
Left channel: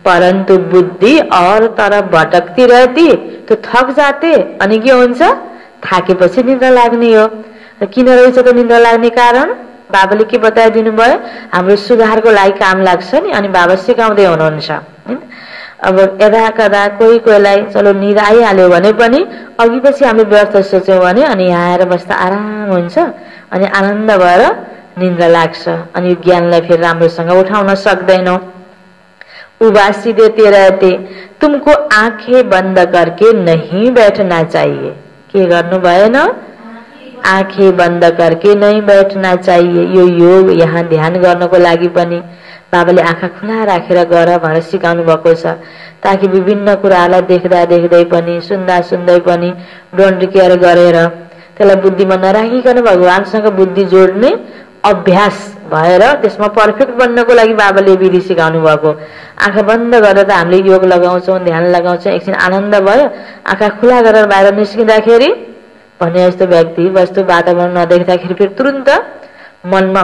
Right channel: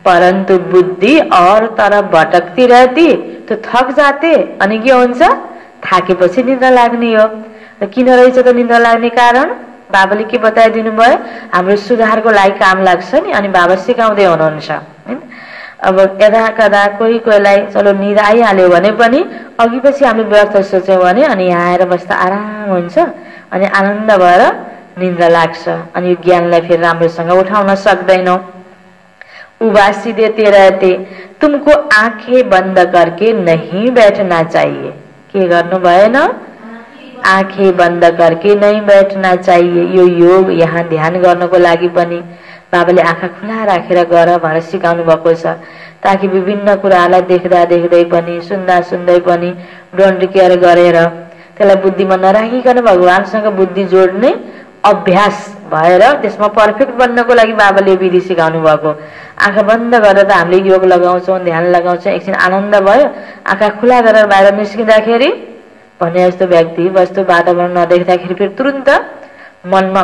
परंतु बुद्धि और तरफ भटकती रहती तो थक जाते अनि के हुन्छ थाकेपछि निद्रा लाग्ने हो किन रहेछ त निद्रा लाग्ने कारण बाबाले के बताइदिनु भयो हाम्रो सुधारको लागि काम लाग्छ नि अनि बाबा सिकाउँदै हुनुहुन्छ हैन अब यदा कदा कोहीलाई चलो निद आइहाल्यो भने पनि अघि पछि हामीले व्यर्थ सोच्यौं भने अनि यहाँ आएर बस्दा आराम हुन्छ अनि आनन्द भएर निद्रा लाग्छ अनि यो ज्ञानलाई फेरि राम्रोसँग उठाउन सक्दैनौ उबासी देते रहते तुमको आंखें बंद करके नहीं बैठना चाहिए के गर्नु भएन आंखें बंद करके नहीं बैठना चाहिए यो योग यहाँ ध्यान गर्नको लागि पनि बाबाले आँखा खुला राखेर गर भनेर सिकाउनु भएको छ ताकि विभिन्न कुराहरूलाई देख्दा देख्दै पनि सुन्दा सुन्दै पनि डोन्ट केयर गरेर त्यसलाई बुद्धिमा नराखिकन भगवानसँग बुद्धि जोड्ने अभ्यास भएर त्यसमा पर्फेक्ट बन्नको लागि बाबाले विधि सिकाउनु भएको आँखा बन्द गरेर त हामीले योग लगाउँछौं ध्यान लगाउँछौं एकछिन आनन्द भयो आँखा खुला गरेर बाहिर निस्किँदाखेरि भने जस्तो व्यक्ति वस्तु वातावरण नदेख्दाखेरि फेरि तुरुन्त मनमा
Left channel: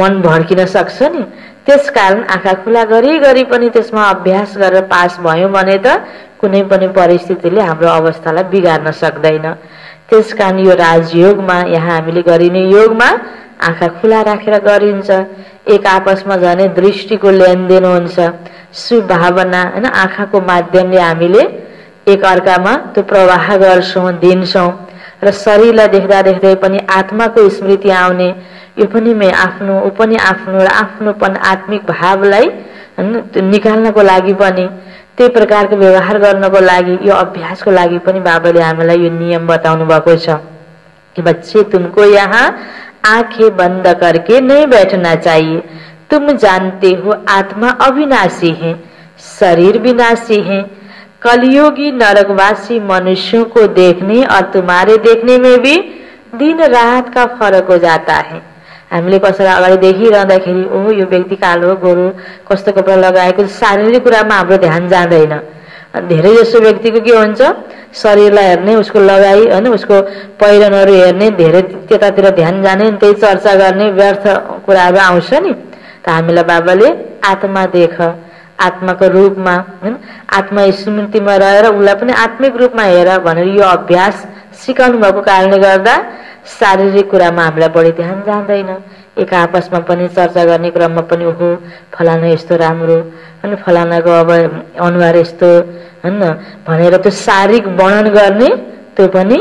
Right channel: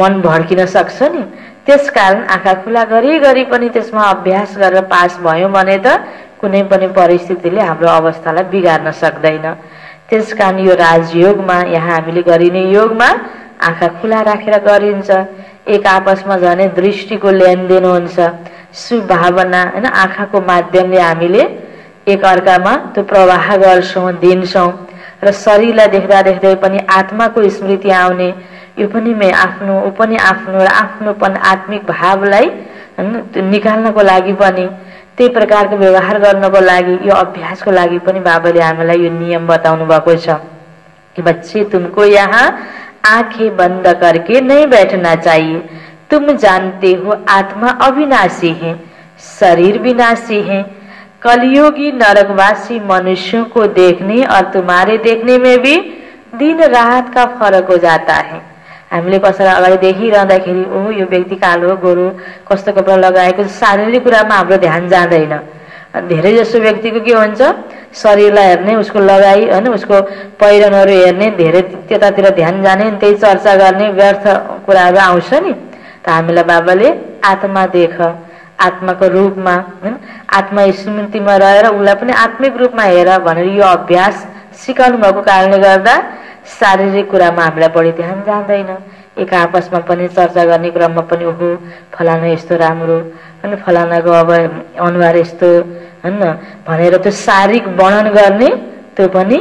मन भड्किन सक्छ नि त्यसकारण आँखा खुला गरी पनि त्यसमा अभ्यास गरेर पास भयो भने त कुनै पनि परिस्थितिले हाम्रो अवस्थालाई बिगार्न सक्दैन त्यसकारण यो राजयोगमा यहाँ हामीले गरिने योगमा आँखा खुला राखेर गरिन्छ एक आपसमा जाने दृष्टिको लेनदेन हुन्छ सुभावना हैन आँखाको माध्यमले हामीले एक अर्कामा त्यो प्रवाह गर्छौं दिन्छौं र शरीरलाई देख्दा देख्दै पनि आत्माको स्मृति आउने यो पनि म आफ्नो पनि आफ्नो र आफ्नोपन आत्मिक भावलाई निकाल्नको लागि पनि त्यही प्रकारको व्यवहार गर्नको लागि यो अभ्यासको लागि पनि बाबाले हामीलाई यो नियम बताउनु भएको छ कि बच्चे तुमको यहाँ आंखें बंद करके नहीं बैठना चाहिए तुम जानते हो आत्मा अविनाशी है शरीर विनाशी है कलयुगी नरकवासी मनुष्यों को देखने और तुम्हारे देखने में भी दिन रात का फरक हो जाता है हामीले कसैलाई अगाडि देखिरहँदाखेरि ओ यो व्यक्ति कालो गोरो कस्तो कपडा लगाएको शारीरिक कुरामा हाम्रो ध्यान जाँदैन धेरै जसो व्यक्तिको के हुन्छ शरीरलाई हेर्ने उसको लगाई हैन उसको पहिरनहरु हेर्ने धेरै त्यतातिर ध्यान जाने त्यही चर्चा गर्ने व्यर्थ कुराहरु आउँछ नि त हामीलाई बाबाले आत्मा देख आत्माको रूपमा आत्मा स्मृतिमा रहेर उलाई पनि आत्मिक रूपमा हेर भनेर यो अभ्यास सिकाउनु भएको कारणले गर्दा शारीरिक कुरामा हामीलाई बढी ध्यान जाँदैन एक आपसमा पनि चर्चा गर्ने क्रममा पनि ओहो फलाना यस्तो राम्रो अनि फलानाको अब अनुहार यस्तो हैन भनेर त्यो शारीरिक वर्णन गर्ने त्यो पनि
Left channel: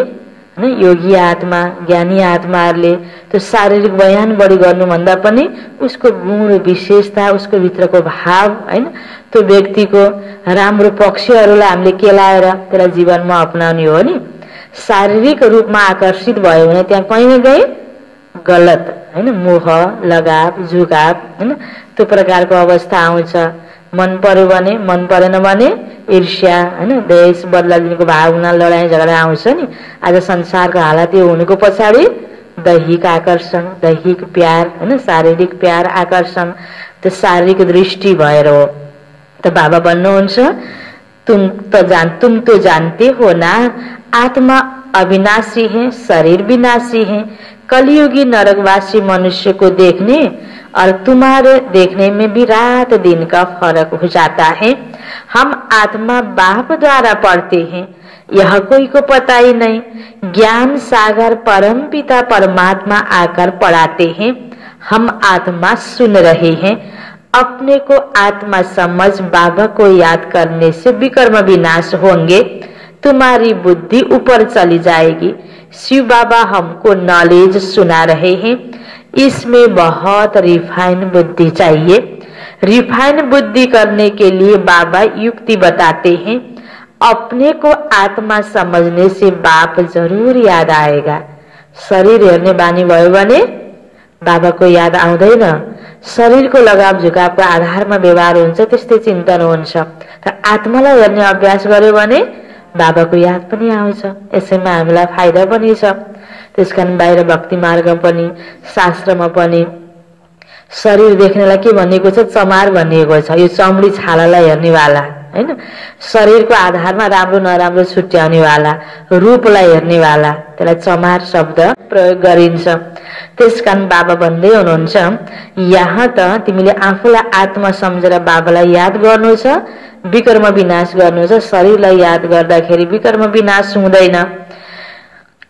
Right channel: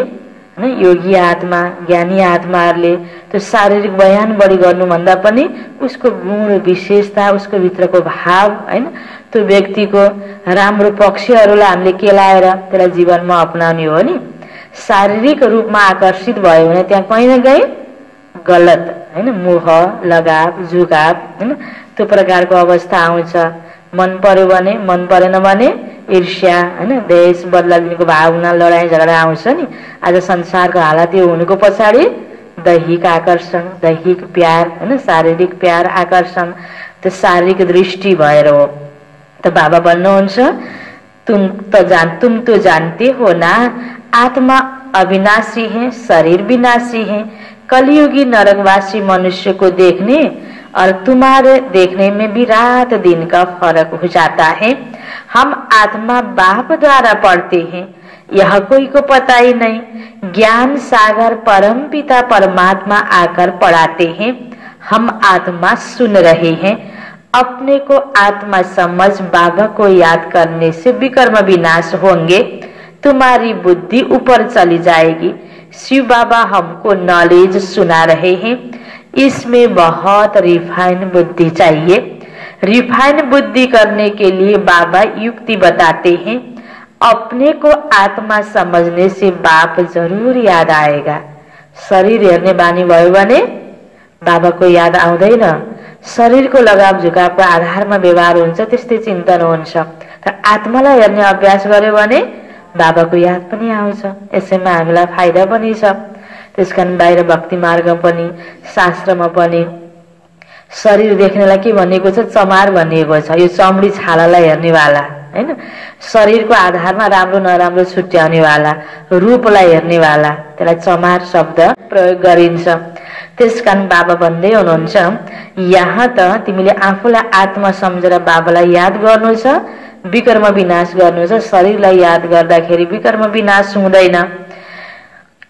हैन योगी आत्मा ज्ञानी आत्माहरुले त्यो शारीरिक बयान बढी गर्नु भन्दा पनि उसको गुण विशेषता उसको भित्रको भाव हैन त्यो व्यक्तिको राम्रो पक्षहरुलाई हामीले केलाएर त्यसलाई जीवनमा अपनाउने हो नि शारीरिक रूपमा आकर्षित भयो भने त्यहाँ कहीं न कहीं गलत हैन मोह लगाव झुकाव हैन त्यो प्रकारको अवस्था आउँछ मन पर्यो भने, मन परेन भने ईर्ष्या, हैन, देश बदला लिनेको भावना, लडाईँ झगडा आउँछ नि। आज संसारको हालत यो हुनुको पछाडि दैहिक आकर्षण, दैहिक प्यार, हैन, शारीरिक प्यार, आकर्षण, त्यो शारीरिक दृष्टि भएर हो। त बाबा भन्नुहुन्छ तुम तो जानते हो ना, आत्मा अविनाशी है, शरीर विनाशी है। कलयुगी नरकवासी मनुष्य को देखने और तुम्हारे देखने में भी रात दिन का फर्क हो जाता है। हम आत्मा बाप द्वारा पढ़ते हैं, यह कोई को पता ही नहीं। ज्ञान सागर परम पिता परमात्मा आकर पढ़ाते हैं, हम आत्मा सुन रहे हैं। अपने को आत्मा समझ बाबा को याद करने से विकर्म विनाश होंगे, तुम्हारी बुद्धि ऊपर चली जाएगी। शिव बाबा हमको नॉलेज सुना रहे हैं, इसमें बहुत रिफाइन बुद्धि चाहिए। रिफाइन बुद्धि करने के लिए बाबा युक्ति बताते हैं। अपने को आत्मा समझने से बाप जरूर याद आएगा। शरीर हेर्ने बानी भयो भने बाबाको याद आउँदैन। शरीरको लगाव झुकावको आधारमा व्यवहार हुन्छ, त्यस्तै चिन्तन हुन्छ। तर आत्मालाई हेर्ने अभ्यास गर्यो भने बाबाको याद पनि आउँछ। यसैमा हामीलाई फाइदा पनि छ। त्यसकारण बाहिर भक्ति मार्ग पनि शास्त्रमा पनि शरीर देख्नेलाई के भनिएको छ? चमार भनिएको छ। यो चमडी छालालाई हेर्नेवाला, हैन, शरीरको आधारमा राम्रो नराम्रो छुट्याउनेवाला, रूपलाई हेर्नेवाला, त्यसलाई चमार शब्द प्रयोग गरिन्छ। त्यसकारण बाबा भन्दै हुनुहुन्छ यहाँ त तिमीले आफूलाई आत्मा सम्झेर बाबालाई याद गर्नु छ, विकर्म विनाश गर्नु छ। शरीरलाई याद गर्दाखेरि विकर्म विनाश हुँदैन।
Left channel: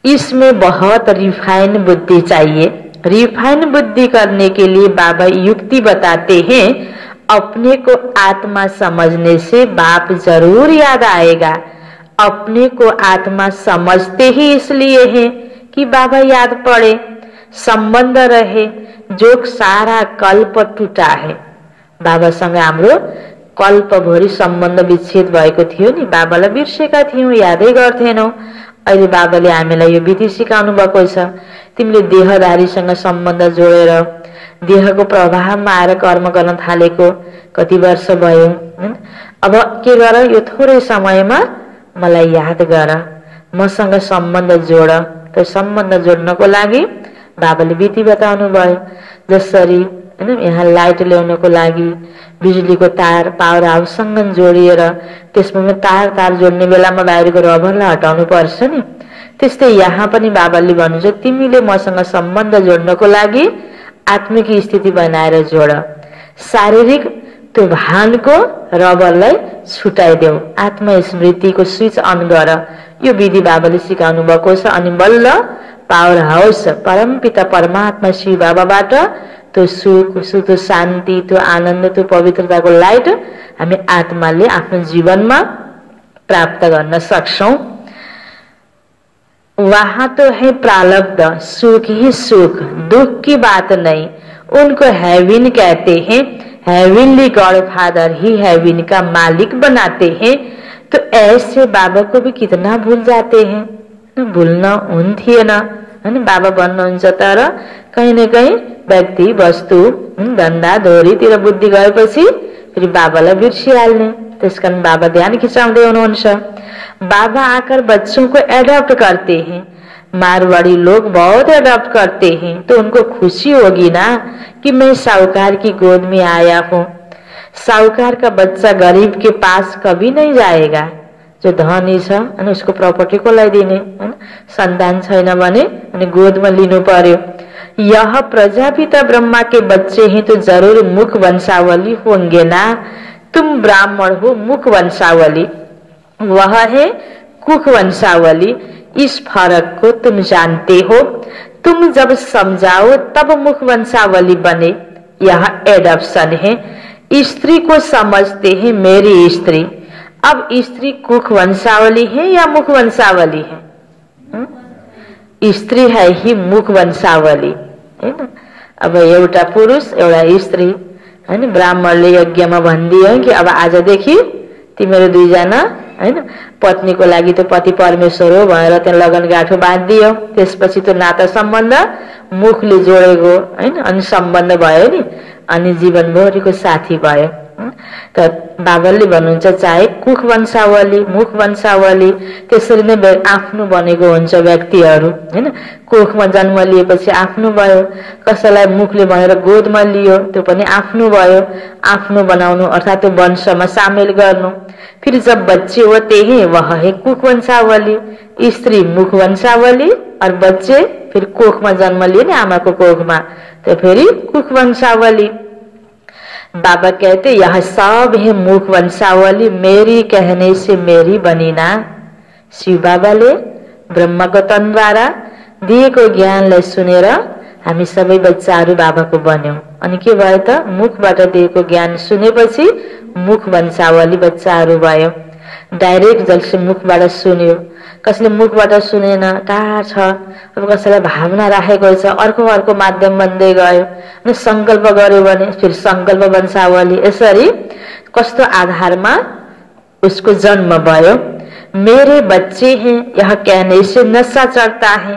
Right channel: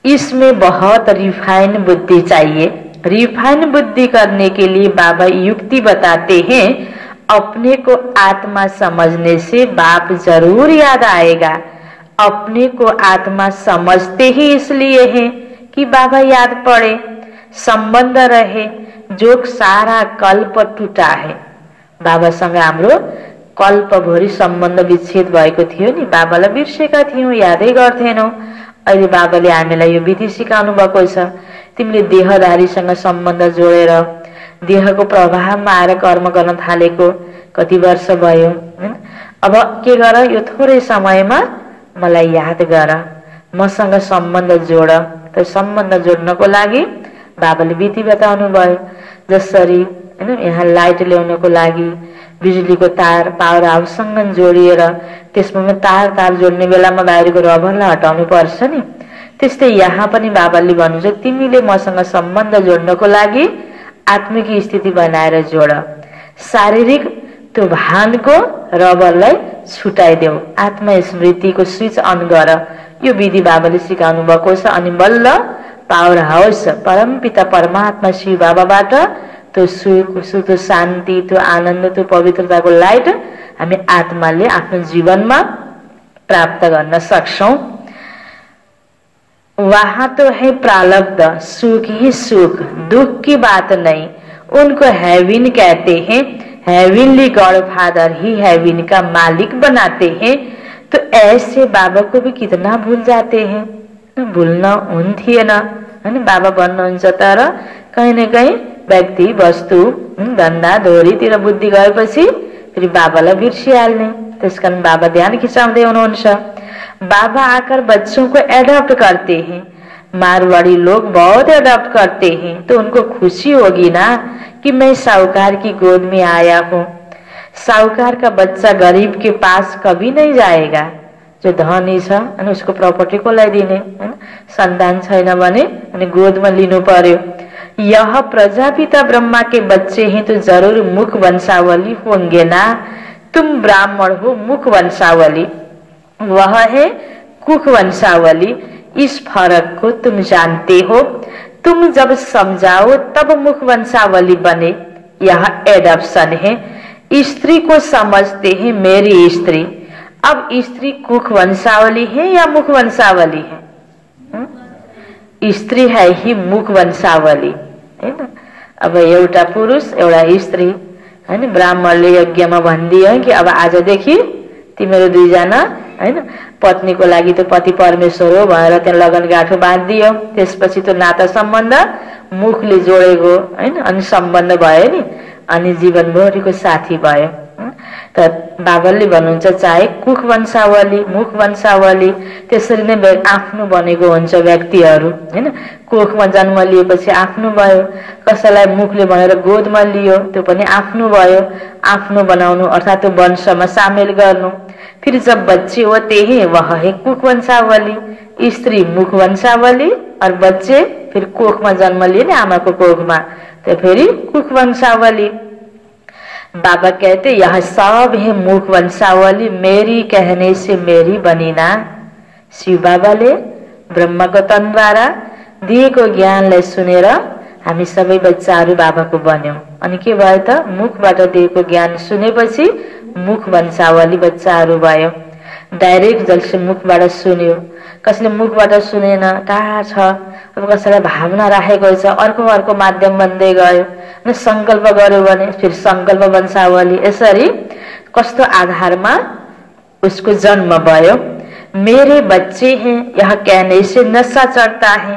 इसमें बहुत रिफाइन बुद्धि चाहिए। रिफाइन बुद्धि करने के लिए बाबा युक्ति बताते हैं। अपने को आत्मा समझने से बाप जरूर याद आएगा। अपने को आत्मा समझते ही इसलिए है कि बाबा याद पड़े, संबंध रहे, जो सारा कल्प टूटा है। बाबासँग हाम्रो कल्पभरि सम्बन्ध विच्छेद भएको थियो नि। बाबालाई बिर्सेका थियौं, यादै गर्थेनौं। अहिले बाबाले हामीलाई यो विधि सिकाउनु भएको छ। तिमीले देहधारीसँग सम्बन्ध जोडेर देहको प्रभावमा आएर कर्म गर्न थालेको कति वर्ष भयो। अब के गर, यो थोरै समयमा मलाई याद गर, मसँग सम्बन्ध जोड। त्यो सम्बन्ध जोड्नको लागि बाबाले विधि बताउनु भयो। जसरी हैन, यहाँ लाइट ल्याउनको लागि बिजुलीको तार पावर हाउससँग जोडिएर त्यसमा तार जोड्ने बेलामा बाहिरको रबरलाई हटाउनु पर्छ नि। त्यस्तै यहाँ पनि बाबाले भन्नुहुन्छ तिमीले मसँग सम्बन्ध जोड्नको लागि आत्मिक स्थिति बनाएर जोड। शारीरिक त्यो भानको रबरलाई छुटाइदेऊ, आत्मस्मृतिको स्विच अन गर। यो विधि बाबाले सिकाउनु भएको छ। अनि बल्ल पावर हाउस परमपिता परमात्मा शिव बाबाबाट त्यो सुख, त्यो शान्ति, त्यो आनन्द, त्यो पवित्रताको लाइट हामी आत्माले आफ्नो जीवनमा प्राप्त गर्न सक्छौं। वहां तो है प्रारब्ध, सुख ही सुख, दुख की बात नहीं। उनको हेविन कहते हैं। हेविनली गॉडफादर ही हेविन का मालिक बनाते हैं। तो ऐसे बाबा को भी कितना भूल जाते हैं। भूल्न हुन्थेन, हैन। बाबा भन्नुहुन्छ तर कहीं न कहीं व्यक्ति, वस्तु, धन्दा धोरीतिर बुद्धि गएपछि फेरि बाबालाई बिर्सिहाल्ने। त्यसकारण बाबा ध्यान खिचाउँदै हुनुहुन्छ। बाबा आकर बच्चों को एडॉप्ट करते हैं। मारवाड़ी लोग बहुत एडॉप्ट करते हैं, तो उनको खुशी होगी ना कि मैं साहूकार की गोद में आया हूँ। साहूकार का बच्चा गरीब के पास कभी नहीं जाएगा। जो धनी छ अनि उसको प्रपर्टी कोलाई दिने, हैन, सन्तान छैन भने अनि गोदमा लिनु पर्यो। यह प्रजापिता ब्रह्मा के बच्चे हैं तो जरूर मुख वंशावली होंगे ना। तुम ब्राह्मण हो, मुख वंशावली, वह है कुख वंशावली। इस फर्क को तुम जानते हो। तुम जब समझाओ तब मुख वंशावली बने। यह एडॉप्शन है। स्त्री को समझते हैं मेरी स्त्री। अब स्त्री कुख वंशावली है या मुख वंशावली है? स्त्री है ही मुख वंशावली, हैन। अब एउटा पुरुष एउटा स्त्री, हैन। ब्राह्मणले यज्ञमा भनिदियो कि अब आजदेखि तिमीहरू दुईजना, हैन, पत्नीको लागि त पति परमेश्वर हो भनेर त्यहाँ लगन गाँठो बाँधिदियो। त्यसपछि त्यो नाता सम्बन्ध मुखले जोडेको, हैन, अनि सम्बन्ध भयो नि, अनि जीवनभरिको साथी भयो। त बाबाले भन्नुहुन्छ चाहे कुख वंशावली मुख वंशावली त्यसरी नै आफ्नो बनेको हुन्छ व्यक्तिहरू हैन। कोखमा जन्म लिएपछि आफ्नो भयो, कसैलाई मुखले भनेर गोदमा लियो त्यो पनि आफ्नो भयो। आफ्नो बनाउनु अर्थात त्यो वंशमा सामेल गर्नु। फिर जब बच्चे होते हैं वह है कुख वंशावली, स्त्री मुख वंशावली और बच्चे फिर कोखमा जन्म लिए ना आमाको कोखमा तो फेरि कुख वंशावली। बाबा कहते यह सब है मुख वंशावली, मेरी कहने से मेरी बनी ना। शिव बाबाले ब्रह्माको तनद्वारा दिएको ज्ञानलाई सुनेर हामी सबै बच्चाहरू बाबाको बन्यौं। अनि के भयो त मुखबाट दिएको ज्ञान सुनेपछि मुख वंशावली बच्चाहरू भयो। डाइरेक्ट जसले मुखबाट सुन्यो, कसले मुखबाट सुनेन टाढा छ, अब कसैलाई भावना राखेको छ अर्को अर्को माध्यम बन्दै गयो अनि संकल्प गर्यो भने फिर संकल्प वंशावली। यसरी कस्तो आधारमा उसको जन्म भयो। मेरे बच्चे हैं यह कहने से नशा चढ़ता है,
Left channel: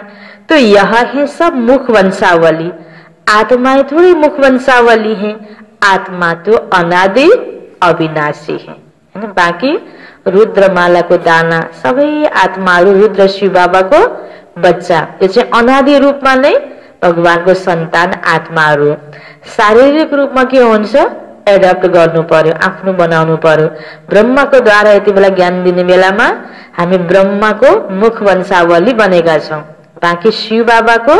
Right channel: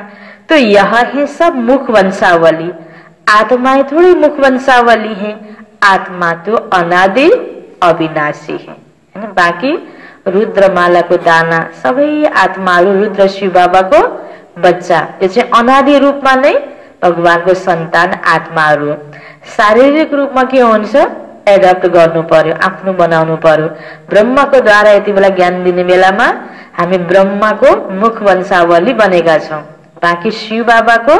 तो यह है सब मुख वंशावली। आत्माएं थोड़ी मुख वंशावली है, आत्मा तो अनादि अविनाशी है। बाकी रुद्रमालाको दाना सबै आत्माहरू रुद्र शिव बाबाको बच्चा, यो चाहिँ अनादि रूपमा नै भगवानको सन्तान आत्माहरू हो। शारीरिक रूपमा के हुन्छ एडप्ट गर्नु पर्यो, आफ्नो बनाउनु पर्यो। ब्रह्माको द्वारा यति बेला ज्ञान दिने बेलामा हामी ब्रह्माको मुख वंशावली बनेका छौं, बाँकी शिव बाबाको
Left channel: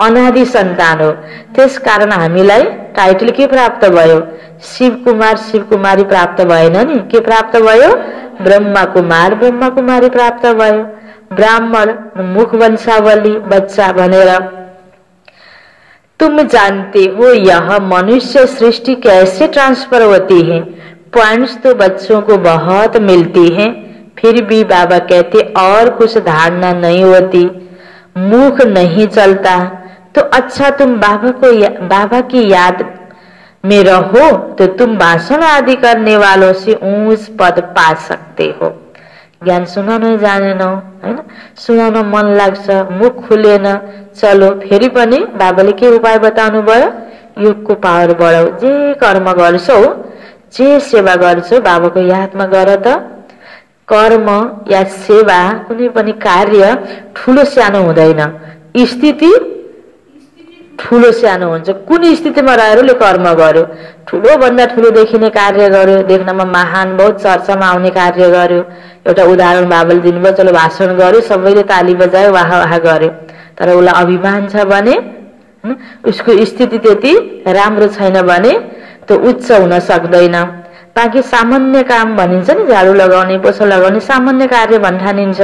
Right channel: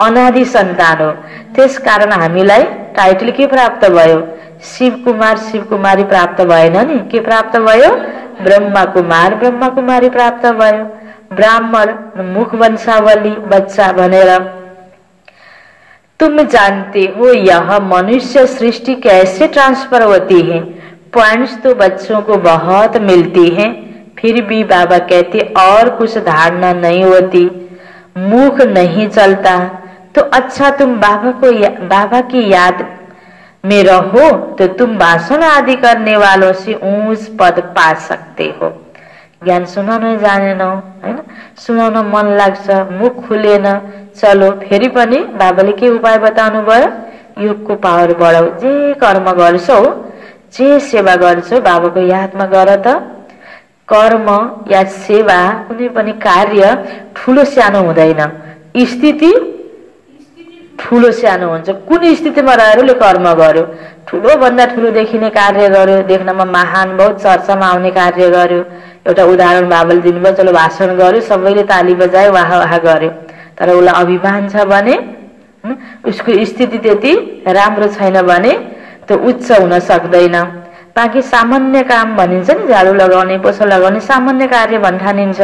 अनादि सन्तान हो। त्यसकारण हामीलाई टाइटल के प्राप्त भयो, शिव कुमार शिव कुमारी प्राप्त भएन नि, के प्राप्त भयो ब्रह्मा कुमार ब्रह्मा कुमारी प्राप्त भयो। ब्राह्मण मुख वंशावली बच्चा भनेर। तुम जानते हो यह मनुष्य सृष्टि कैसे ट्रांसफर होती है, पॉइंट्स तो बच्चों को बहुत मिलती हैं, फिर भी बाबा कहते और कुछ धारणा नहीं होती, मुख नहीं चलता। तो अच्छा तुम बाबा की याद में रहो तो तुम भाषण आदि करने वालों से ऊंच पद पा सकते हो। ज्ञान सुनाउन जानेनौ हैन, सुनाउन मन लाग्छ, मुख खुलेन, चलो फेरि पनि बाबाले के उपाय बताउनु भयो, योगको पावर बढाऊ, जे कर्म गर्छौ जे सेवा गर्छौ बाबाको यादमा गर त। कर्म या सेवा कुनै पनि कार्य ठूलो सानो हुँदैन, स्थिति ठूलो सानो हुन्छ। कुन स्थितिमा रहेर कर्म गर्यो, ठूलो भन्दा ठूलो देखिने कार्य गर्यो, देख्नमा महान बहुत चर्चामा आउने कार्य गर्यो। एउटा उदाहरण बाबाले दिनुभयो, चलो भाषण गर्यो सबैले ताली बजायो वाह वाह गर्यो, तर उसलाई अभिमान छ भने उसको स्थिति त्यति राम्रो छैन भने त्यो उच्च हुन सक्दैन। बाँकी सामान्य काम भनिन्छ नि, झाडु लगाउने पोछा लगाउने सामान्य कार्य भन्ठानिन्छ।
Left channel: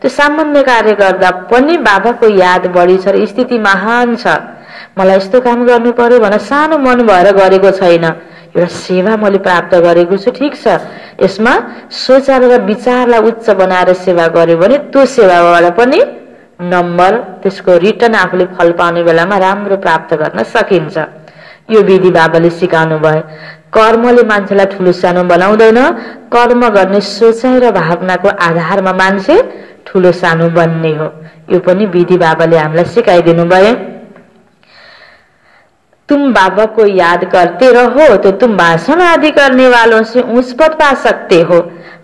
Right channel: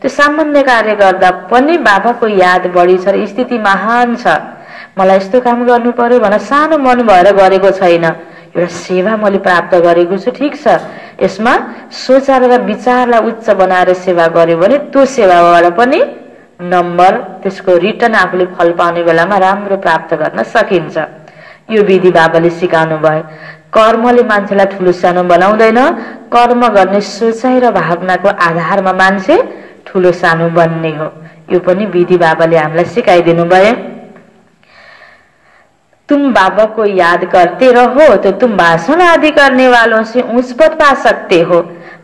त्यो सामान्य कार्य गर्दा पनि बाबाको याद बढी छ र स्थिति महान छ, मलाई यस्तो काम गर्नु पर्यो भनेर सानो मन भएर गरेको छैन, एउटा सेवा मैले प्राप्त गरेको छु, ठीक छ। यसमा सोचार र विचारलाई उच्च बनाएर सेवा गर्यो भने त्यो सेवाबाट पनि नम्बर त्यसको रिटर्न आफूले फल पाउने बेलामा राम्रो प्राप्त गर्न सकिन्छ। यो विधि बाबाले सिकाउनु भयो। कर्मले मान्छेलाई ठूलो सानो बनाउँदैन, कर्म गर्ने सोचाइ र भावनाको आधारमा मान्छे ठूलो सानो बन्ने हो। यो पनि विधि बाबाले हामीलाई सिकाइदिनु भयो। तुम बाबा को याद करते रहो तो तुम भाषण आदि करने वालों से ऊंच पद पा सकते हो।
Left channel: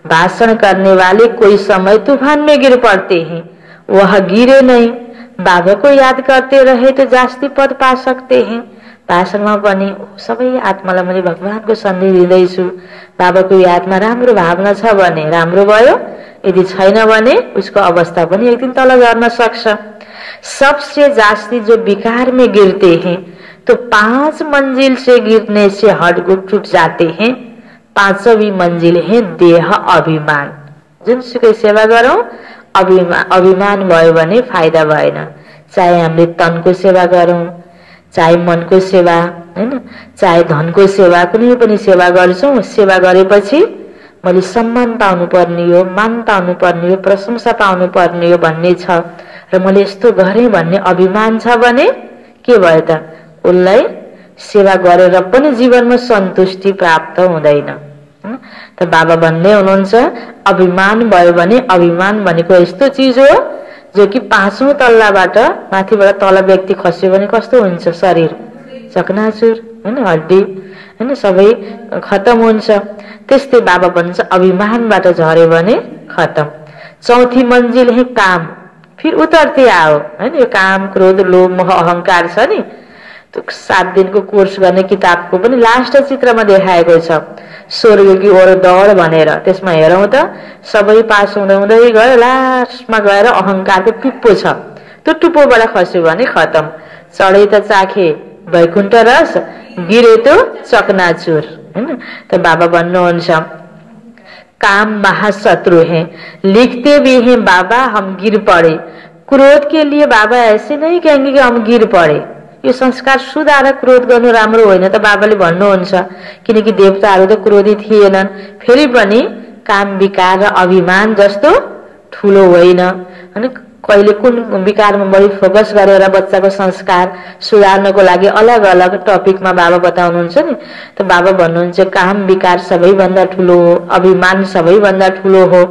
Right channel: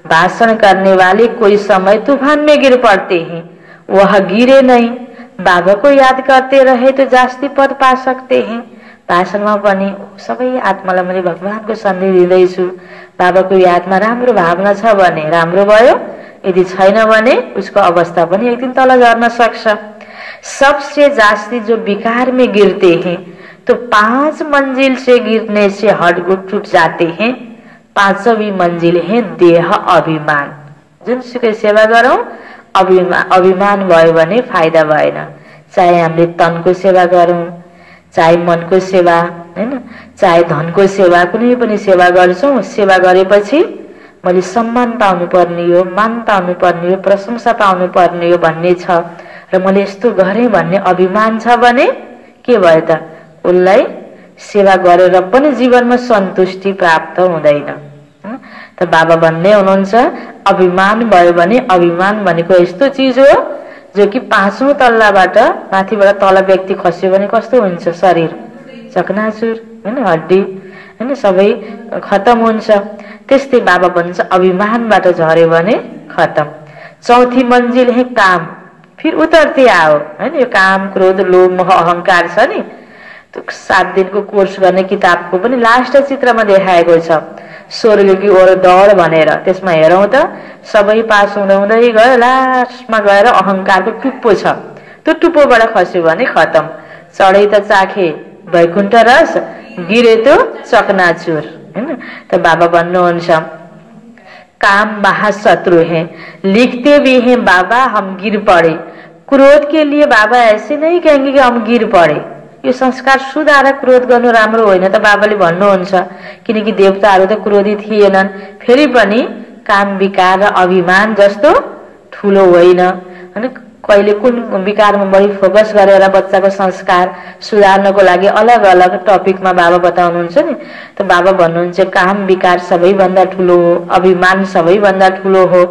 भाषण करने वाले कोई समय तूफान में गिर पड़ते हैं, वह गिरे नहीं। बाबा को याद करते रहे तो जास्ती पद पा सकते हैं। भाषणमा पनि सबै आत्मालाई मैले भगवानको सन्देश दिँदैछु, बाबाको यादमा राम्रो भावना छ भने राम्रो भयो, यदि छैन भने उसको अवस्था पनि एक दिन तल गर्न सक्छ। सबसे जास्ती जो विकार में गिरते हैं तो 5 मंजिल से गिरने से हड्डगुड टूट जाते हैं। 5वीं मंजिल है देह अभिमान। जुनसुकै सेवा गरौं अभिमान भयो भने फाइदा भएन। चाहे हामीले तनको सेवा गरौं, चाहे मनको सेवा हैन, चाहे धनको सेवा, कुनै पनि सेवा गर्छौं, सेवा गरेपछि मैले सम्मान पाउनु पर्ने हो, मान पाउनु पर्ने हो, प्रशंसा पाउनु पर्ने हो भन्ने छ र मैले यस्तो गरे भन्ने अभिमान छ भने के भयो त उसलाई सेवा गरेर पनि जीवनमा सन्तुष्टि प्राप्त हुँदैन। त बाबा भन्ने हुनुहुन्छ अभिमान भयो भने, अभिमान भनेको यस्तो चीज हो जो कि 5औं तल्लाबाट माथिबाट तल व्यक्ति खस्यो भने कस्तो हुन्छ, शरीर चकनाचुर हैन, हड्डी हैन, सबै खत्म हुन्छ। त्यस्तै बाबा भन्नुहुन्छ अभिमानबाट झर्यो भने खत्म। चौथी मंजिल है काम, फिर उतरते आओ हैन। यो काम क्रोध लोभ मोह अहंकार छ नि, त्यो 7 दिनको कोर्स गर्ने किताबको पनि लास्ट चित्रमा देखाएको छ स्वर्गकी ओर दौड भनेर। त्यसमा हेरौं त सबै पास हुँदै हुँदै गयो, लास्टमा गएर अहंकारको टुप्पो छ, त्यो टुप्पोबाट खस्यो भने खत्म। चढे त चाखे वैकुण्ठ रस, गिरे तो चकनाचुर हैन। त बाबा भन्नुहुन्छ काम महाशत्रु है, लिखते भी हैं बाबा हम गिर पड़े। क्रोध के लिए बाबा ऐसे नहीं कहेंगे कि हम गिर पड़े। यो संस्कार सुधार क्रोध गर्नु राम्रो होइन त बाबाले भन्नुहुन्छ, किनकि देवताहरू त क्रोधी थिएनन्। फेरि पनि काम विकार र अभिमान जस्तो ठूलो होइन हैन। कहिले कुन विकारमा बढी फोकस गरेर बच्चाको संस्कार सुधार्नको लागि अलग अलग टपिकमा बाबा बताउनुहुन्छ नि। त बाबा भन्नुहुन्छ काम विकार सबैभन्दा ठूलो हो, अभिमान सबैभन्दा ठूलो हो।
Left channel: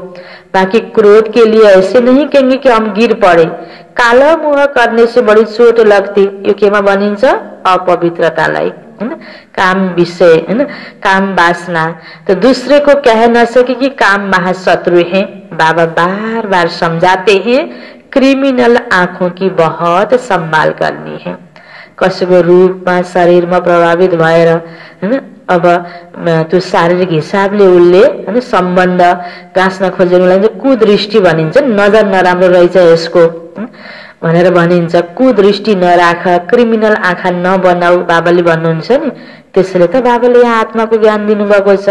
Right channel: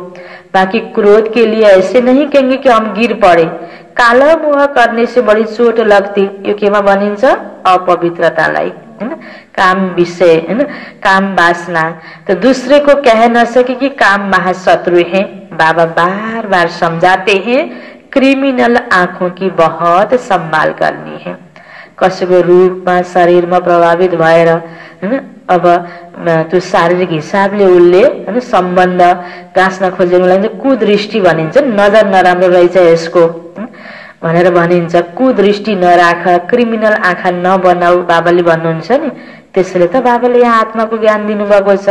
बाकी क्रोध के लिए ऐसे नहीं कहेंगे कि हम गिर पड़े। काला मुह करने से बड़ी चोट लगती। यो केमा भनिन्छ? अपवित्रतालाई हैन, काम विषय हैन, काम वासना। तो दूसरे को कह न सके कि काम महाशत्रु है। बाबा बार बार समझाते हैं क्रिमिनल आंखों की बहुत संभाल करनी है। कसैको रूपमा शरीरमा प्रभावित भएर हैन, अब त्यो शारीरिक हिसाबले उसले हैन सम्बन्ध गाँच्न खोजेकोलाई चाहिँ कुदृष्टि भनिन्छ। नजर नराम्रो रहेछ यसको भनेर भनिन्छ। कुदृष्टि नराख, क्रिमिनल आँखा नबनाऊ बाबाले भन्नुहुन्छ नि। त्यसैले त बाबाले यहाँ आत्माको ज्ञान दिनुभएको छ,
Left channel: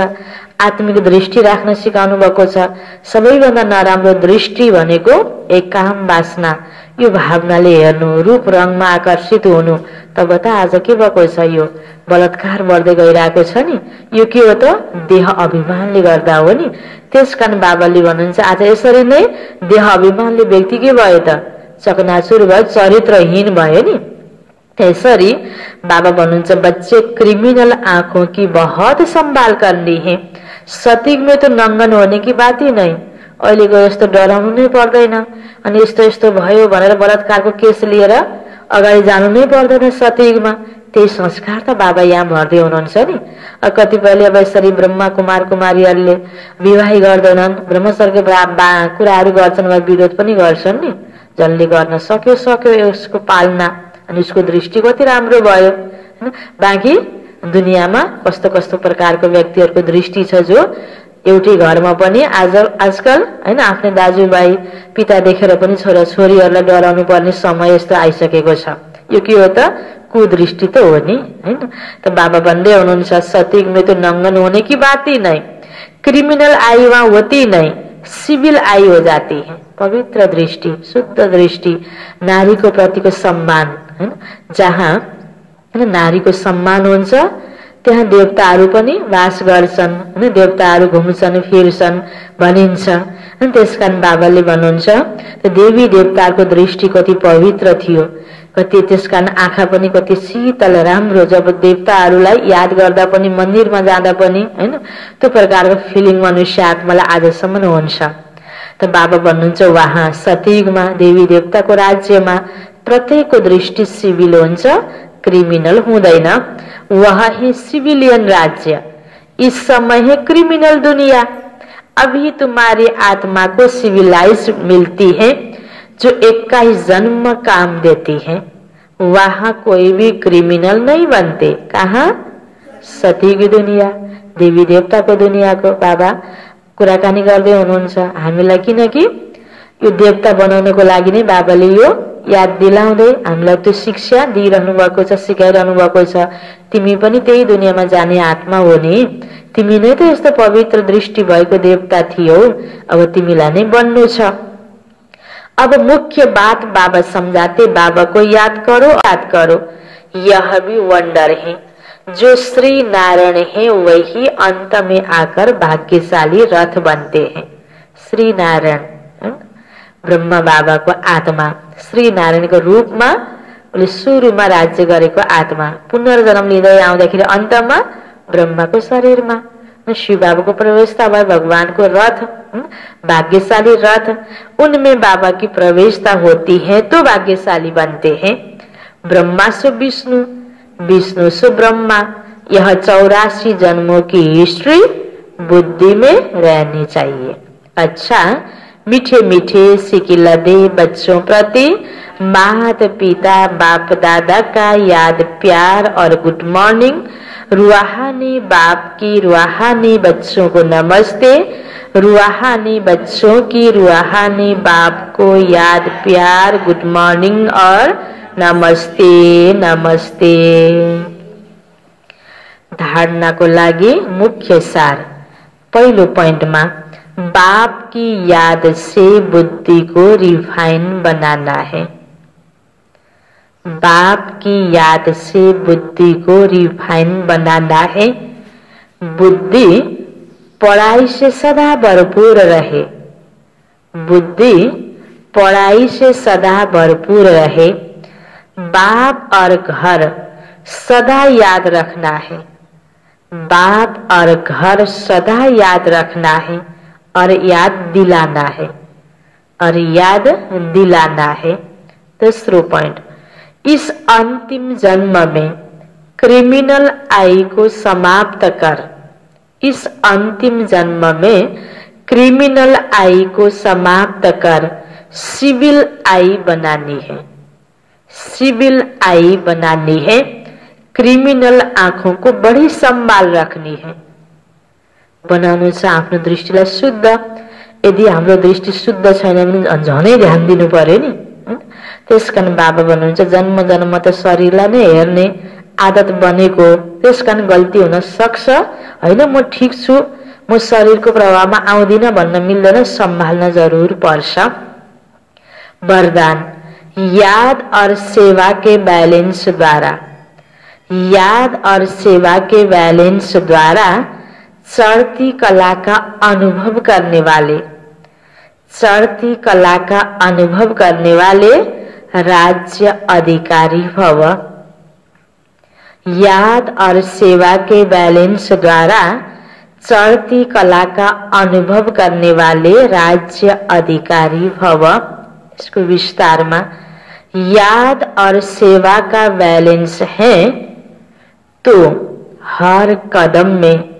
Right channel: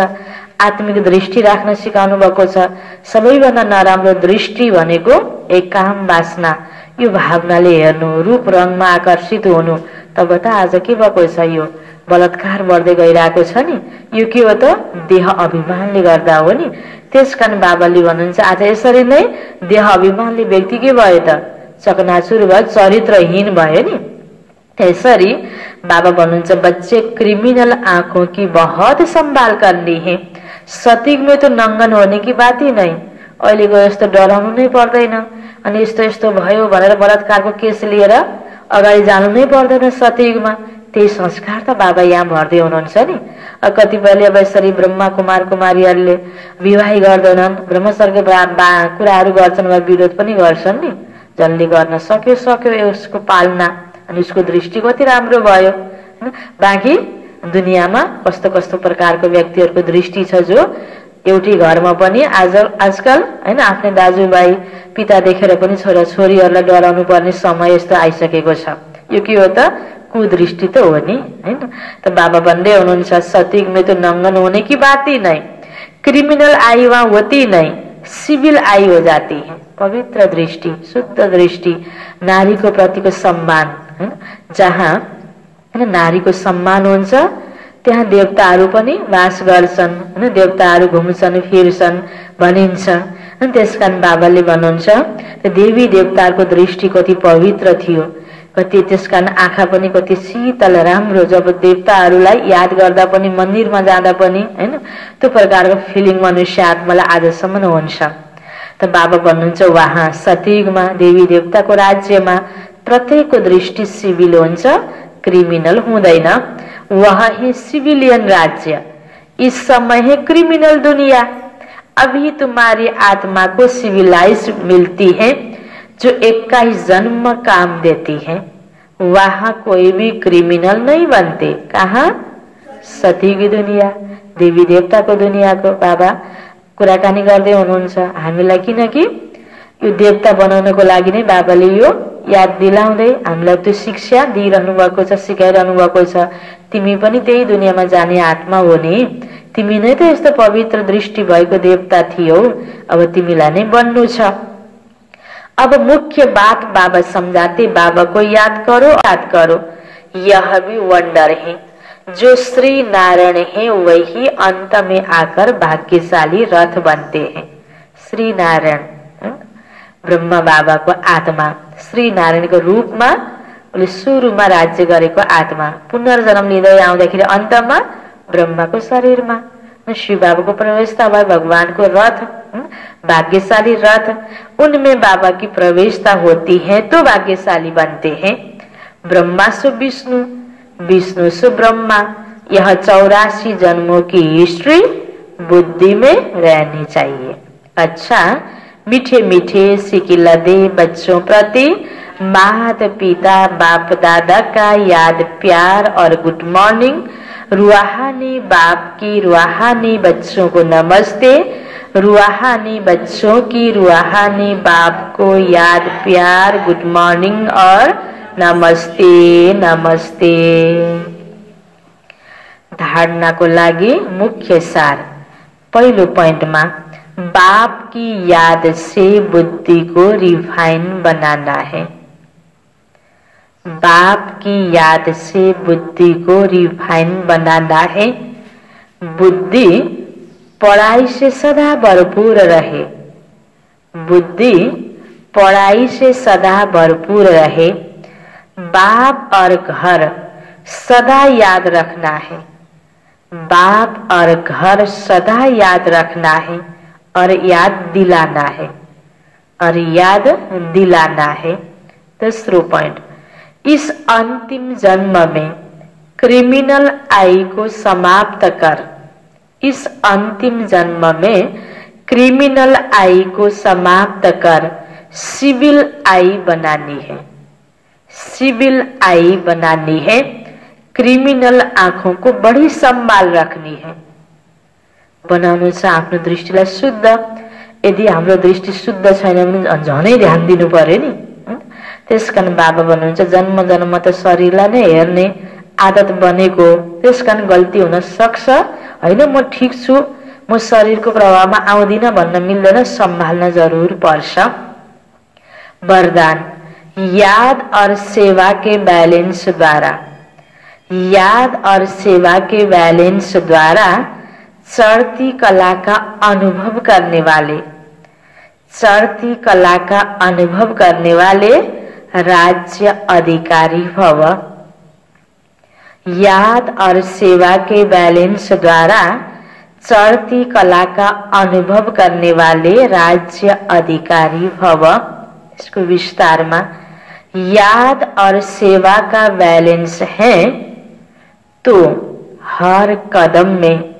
आत्मिक दृष्टि राख्न सिकाउनु भएको छ। सबैभन्दा नराम्रो दृष्टि भनेको एक काम वासना, यो भावनाले हेर्नु, रूप रङमा आकर्षित हुनु। तब त आज के भएको छ? यो बलात्कार बढ्दै गइरहेको छ नि। यो के हो त? देह अभिमानले गर्दा हो नि। त्यसकारण बाबाले भन्नुहुन्छ आज यसरी नै देह अभिमानले व्यक्ति के भयो त? चकनाचुर भयो, चरित्रहीन भयो नि। त्यसरी बाबा भन्नुहुन्छ बच्चे क्रिमिनल आंखों की बहुत संभाल करनी है। सतीक में तो नंगन होने की बात ही नहीं। अहिलेको यस्तो डराउनु नै पर्दैन, अनि यस्तो यस्तो भयो भनेर बलात्कारको केस लिएर अगाडि जानु नै पर्दैन सतीकमा। त्यही संस्कार त बाबा यहाँ भर्दै हुनुहुन्छ नि। कतिपयले अब यसरी ब्रह्मा कुमार कुमारीहरूले विवाह गर्दैनन्, ब्रह्मचर्यको कुराहरू गर्छन् वा विरोध पनि गर्छन् नि। जसले गर्न सक्यो सक्यो यसको पालना, अनि उसको दृष्टि कति राम्रो भयो हैन। बाँकी दुनियाँमा कस्तो कस्तो प्रकारको व्यक्तिहरूको दृष्टि छ जो एउटै घरमा पनि आजकल हैन आफ्नै दाजुभाइ पिता देखेर पनि छोरा छोरीहरूलाई डराउनु पर्ने समय यस्तो आइसकेको छ। यो के हो त? कुदृष्टि त हो नि हैन। त बाबा भन्दै हुनुहुन्छ सतीक में तो नंगन होने की बात ही नहीं, क्रिमिनल आई वहां होती नहीं, सिविल आई हो जाती है। पवित्र दृष्टि, शुद्ध दृष्टि, नारीको प्रतिको सम्मान हैन। जहाँ हैन नारीको सम्मान हुन्छ त्यहाँ देवताहरू पनि वास गर्छन् हैन। देवताहरू घुम्छन् फिर्छन् भनिन्छ। त्यसकारण बाबाले भन्नुहुन्छ देवी देवताको दृष्टि कति पवित्र थियो, कति त्यसकारण आँखा पनि कति शीतल राम्रो। जब देवताहरूलाई याद गर्दा पनि मन्दिरमा जाँदा पनि हैन त्यो प्रकारको फिलिङ मनुष्य आत्मालाई आजसम्म हुन्छ। त बाबा भन्नुहुन्छ वहाँ सतीगमा देवी देवताको राज्यमा प्रत्येकको दृष्टि सिभिल हुन्छ, क्रिमिनल हुँदैन। वह है सिविलियन राज्य, इस समय है क्रिमिनल दुनिया। अभी तुम्हारी आत्मा को सिविलाइज मिलती है जो 21 जन्म काम देती है। वहां कोई भी क्रिमिनल नहीं बनते। कहाँ? सती की दुनिया, देवी देवताको दुनियाँको बाबा कुराकानी गर्दै हुनुहुन्छ हामीलाई। किनकि यो देवता बनाउनको लागि नै बाबाले यो याद दिलाउँदै हामीलाई त्यो शिक्षा दिइरहनु भएको छ, सिकाइरहनु भएको छ। तिमी पनि त्यही दुनियाँमा जाने आत्मा हो नि, तिमी नै त यस्तो पवित्र दृष्टि भएको देवता थियौ, अब तिमीलाई नै बन्नु छ। अब मुख्य बात बाबा समझाते, बाबा को याद करो, यह भी वंडर है। जो श्री नारायण है वही अंत में आकर भाग्यशाली रथ बनते हैं। श्री नारायण ब्रह्मा बाबाको आत्मा, श्री नारायणको रूपमा उले सुरुमा राज्य गरेको आत्मा पुनर्जन्म लिँदै आउँदाखेरि अन्तमा ब्रह्माको शरीरमा शिव बाबाको प्रवेशता भयो। भगवानको रथ, भाग्यशाली रथ, उनमें बाबा की प्रवेशता होती है तो भाग्यशाली बनते हैं। ब्रह्मा सो विष्णु, विष्णु सो ब्रह्मा, यह 84 जन्मों की हिस्ट्री बुद्धि में रहनी चाहिए। अच्छा, मीठे मीठे सिकिलदे बच्चों प्रति माता पिता बाप दादा का याद प्यार और गुड मॉर्निंग। रूहानी बाप की रूहानी बच्चों को नमस्ते। रूहानी बच्चों की रूहानी बाप को याद प्यार गुड मॉर्निंग और नमस्ते नमस्ते। धारणा को लागि मुख्य सार। पहिलो पोइन्टमा बाप की याद से बुद्धि को रिफाइन बनाना है। बाप की याद से बुद्धि को रिफाइन बनाना है। बुद्धि पढ़ाई से सदा भरपूर रहे। बुद्धि पढ़ाई से सदा भरपूर रहे। बाप और घर सदा याद रखना है। बाप और घर सदा याद रखना है और याद दिलाना है और याद दिलाना है। दूसरो पॉइंट, इस अंतिम जन्म में क्रिमिनल आई को समाप्त कर। इस अंतिम जन्म में क्रिमिनल आई को समाप्त कर सिविल आई बनानी है। सिविल आई बनानी है। क्रिमिनल आँखों को बड़ी संभाल रखनी है। बनाउनु छ आफ्नो दृष्टिलाई शुद्ध। यदि हाम्रो दृष्टि शुद्ध छैन भने झनै ध्यान दिनु पर्यो नि। त्यसकारण बाबा भन्नुहुन्छ जन्म जन्म त शरीरलाई नै हेर्ने आदत बनेको, त्यसकारण गल्ती हुन सक्छ हैन। म ठीक छु, म शरीरको प्रभावमा आउँदिन भन्न मिल्दैन, सम्हाल्न जरुर पर्छ। वरदान, याद और सेवा के बैलेंस द्वारा, याद और सेवा के बैलेंस द्वारा चढ़ती कला का अनुभव करने वाले, चढ़ती कला का अनुभव करने वाले राज्य अधिकारी भव। याद और सेवा के बैलेंस द्वारा चढ़ती कला का अनुभव करने वाले राज्य अधिकारी भव। इसको विस्तार में, याद और सेवा का बैलेंस है तो हर कदम में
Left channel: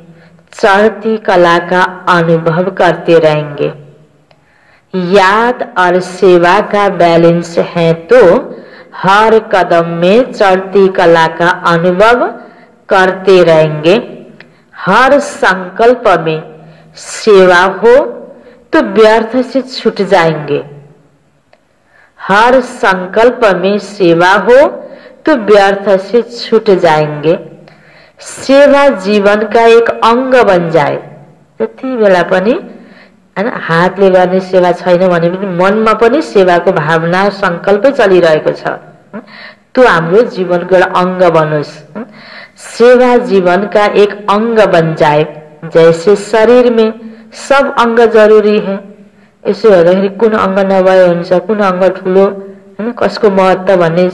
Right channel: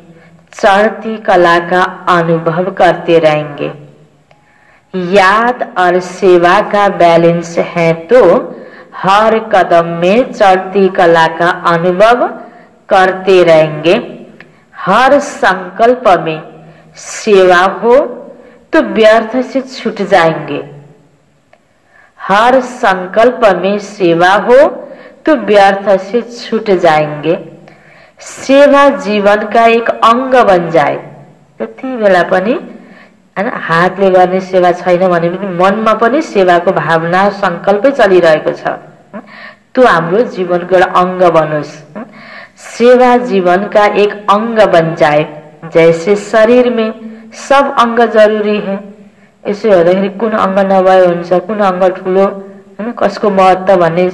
चढ़ती कला का अनुभव करते रहेंगे। याद और सेवा का बैलेंस है तो हर कदम में चढ़ती कला का अनुभव करते रहेंगे। हर संकल्प में सेवा हो तो व्यर्थ से छूट जाएंगे। हर संकल्प में सेवा हो तो व्यर्थ से छूट जाएंगे। सेवा जीवन का एक अंग बन जाए। त्यति बेला पनि हैन हातले गर्ने सेवा छैन भने पनि मनमा पनि सेवाको भावना संकल्पै चलिरहेको छ। त्यो हाम्रो जीवनको एउटा अंग बनोस्। सेवा जीवन का एक अंग बन जाए। जैसे शरीर में सब अंग जरूरी है। यसो हेर्दाखेरि कुन अंग नभए हुन्छ, कुन अंग ठुलो हैन, कसको महत्व भन्ने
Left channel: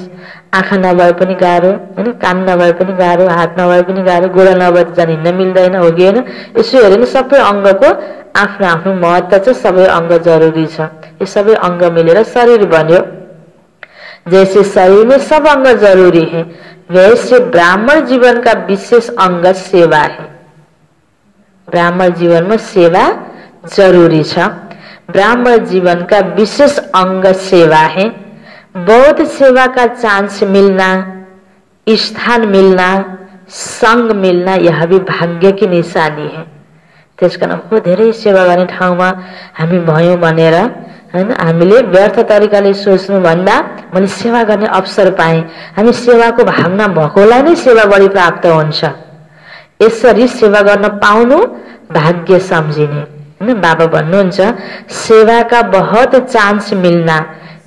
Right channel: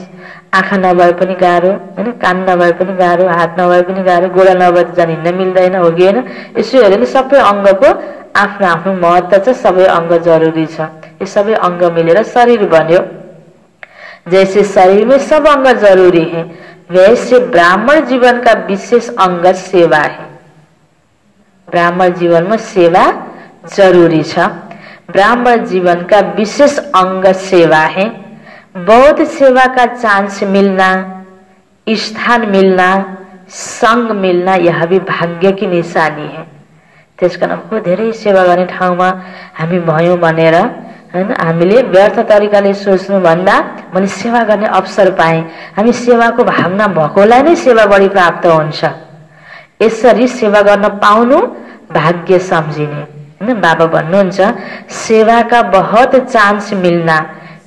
आँखा नभए पनि गाह्रो हैन, कान नभए पनि गाह्रो, हात नभए पनि गाह्रो, गोडा नभए त झन् हिँड्न मिल्दैन, हो कि हैन। यसो हेर्यो भने सबै अंगको आफ्नो आफ्नो महत्व छ, सबै अंग जरुरी छ। यो सबै अंग मिलेर शरीर बन्यो। जैसे शरीर में सब अंग जरूरी है, वैसे ब्राह्मण जीवन का विशेष अंग सेवा है। ब्राह्मण जीवन में सेवा जरूरी छ। ब्राह्मण जीवन का विशेष अंग सेवा है। बौद्ध सेवा का चांस मिलना, स्थान मिलना, संग मिलना यह भी भाग्य की निशानी है। त्यसकारण हो धेरै सेवा गर्ने ठाउँमा हामी भयौं भनेर हैन हामीले व्यर्थ तरिकाले सोच्नु भन्दा मैले सेवा गर्ने अवसर पाएँ, हामी सेवाको भावना भएकोलाई नै सेवा बढी प्राप्त हुन्छ। यसरी सेवा गर्न पाउनु भाग्य सम्झिने। बाबा भन्नुहुन्छ सेवा का बहुत चांस मिलना,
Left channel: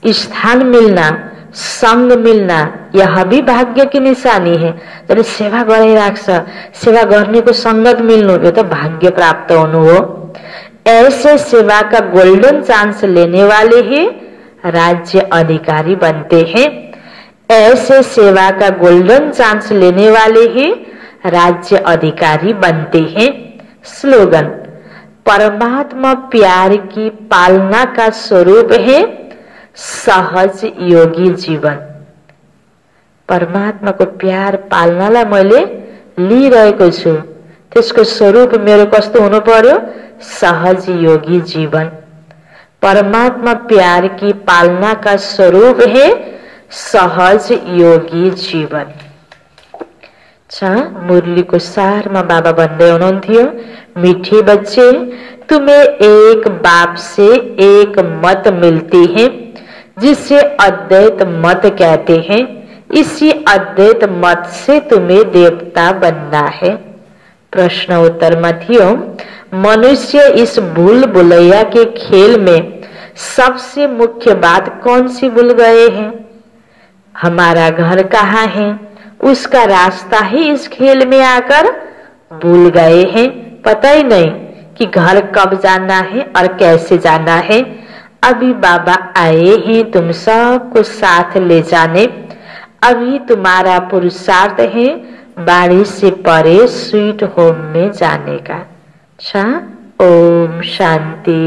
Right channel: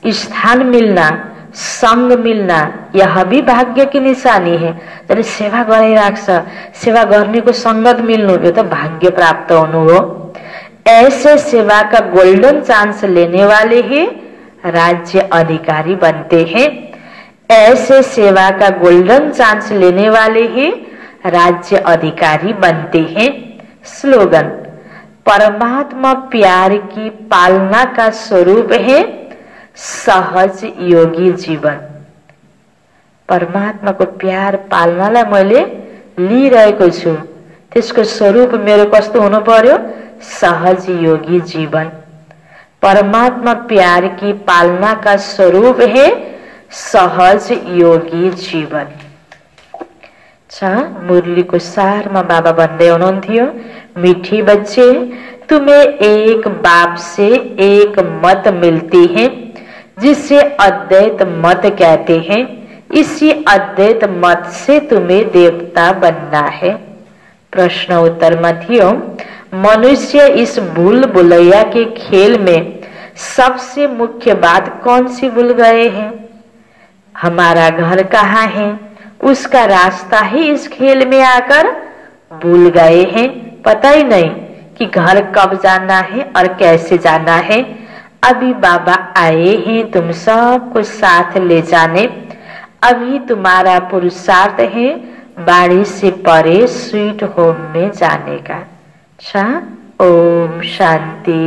स्थान मिलना, संग मिलना यह भी भाग्य की निशानी है। जब सेवा गरिराख्छ, सेवा गर्नेको संगत मिल्नु यो त भाग्य प्राप्त हुनु हो। ऐसे सेवा का गोल्डन चांस लेने वाले ही राज्य अधिकारी बनते हैं। ऐसे सेवा का गोल्डन चांस लेने वाले ही राज्य अधिकारी बनते हैं। स्लोगन, परमात्मा प्यार की पालना का स्वरूप है सहज योगी जीवन। परमात्मा को प्यार पाल्नलाई मैले लिइरहेको छु त्यसको स्वरूप मेरो कस्तो हुनु पर्यो? सहज योगी जीवन। परमात्मा प्यार की पालना का स्वरूप है सहज योगी जीवन। मुरली को सार में बाबा भन्दै हुनुहुन्थ्यो, मीठे बच्चे तुम्हें एक बाप से एक मत मिलती है जिसे अद्वैत मत कहते हैं। इसी अद्वैत मत से तुम्हें देवता बनना है। प्रश्न उत्तर में थियो, मनुष्य इस भूल भुलैया के खेल में सबसे मुख्य बात कौन सी भूल गए हैं? हमारा घर कहाँ है उसका रास्ता ही इस खेल में आकर भूल गए हैं। पता ही नहीं कि घर कब जाना है और कैसे जाना है। अभी बाबा आए हैं तुम सबको साथ ले जाने। अभी तुम्हारा पुरुषार्थ है बाड़ी से परे स्वीट होम में जाने का। ओम शांति।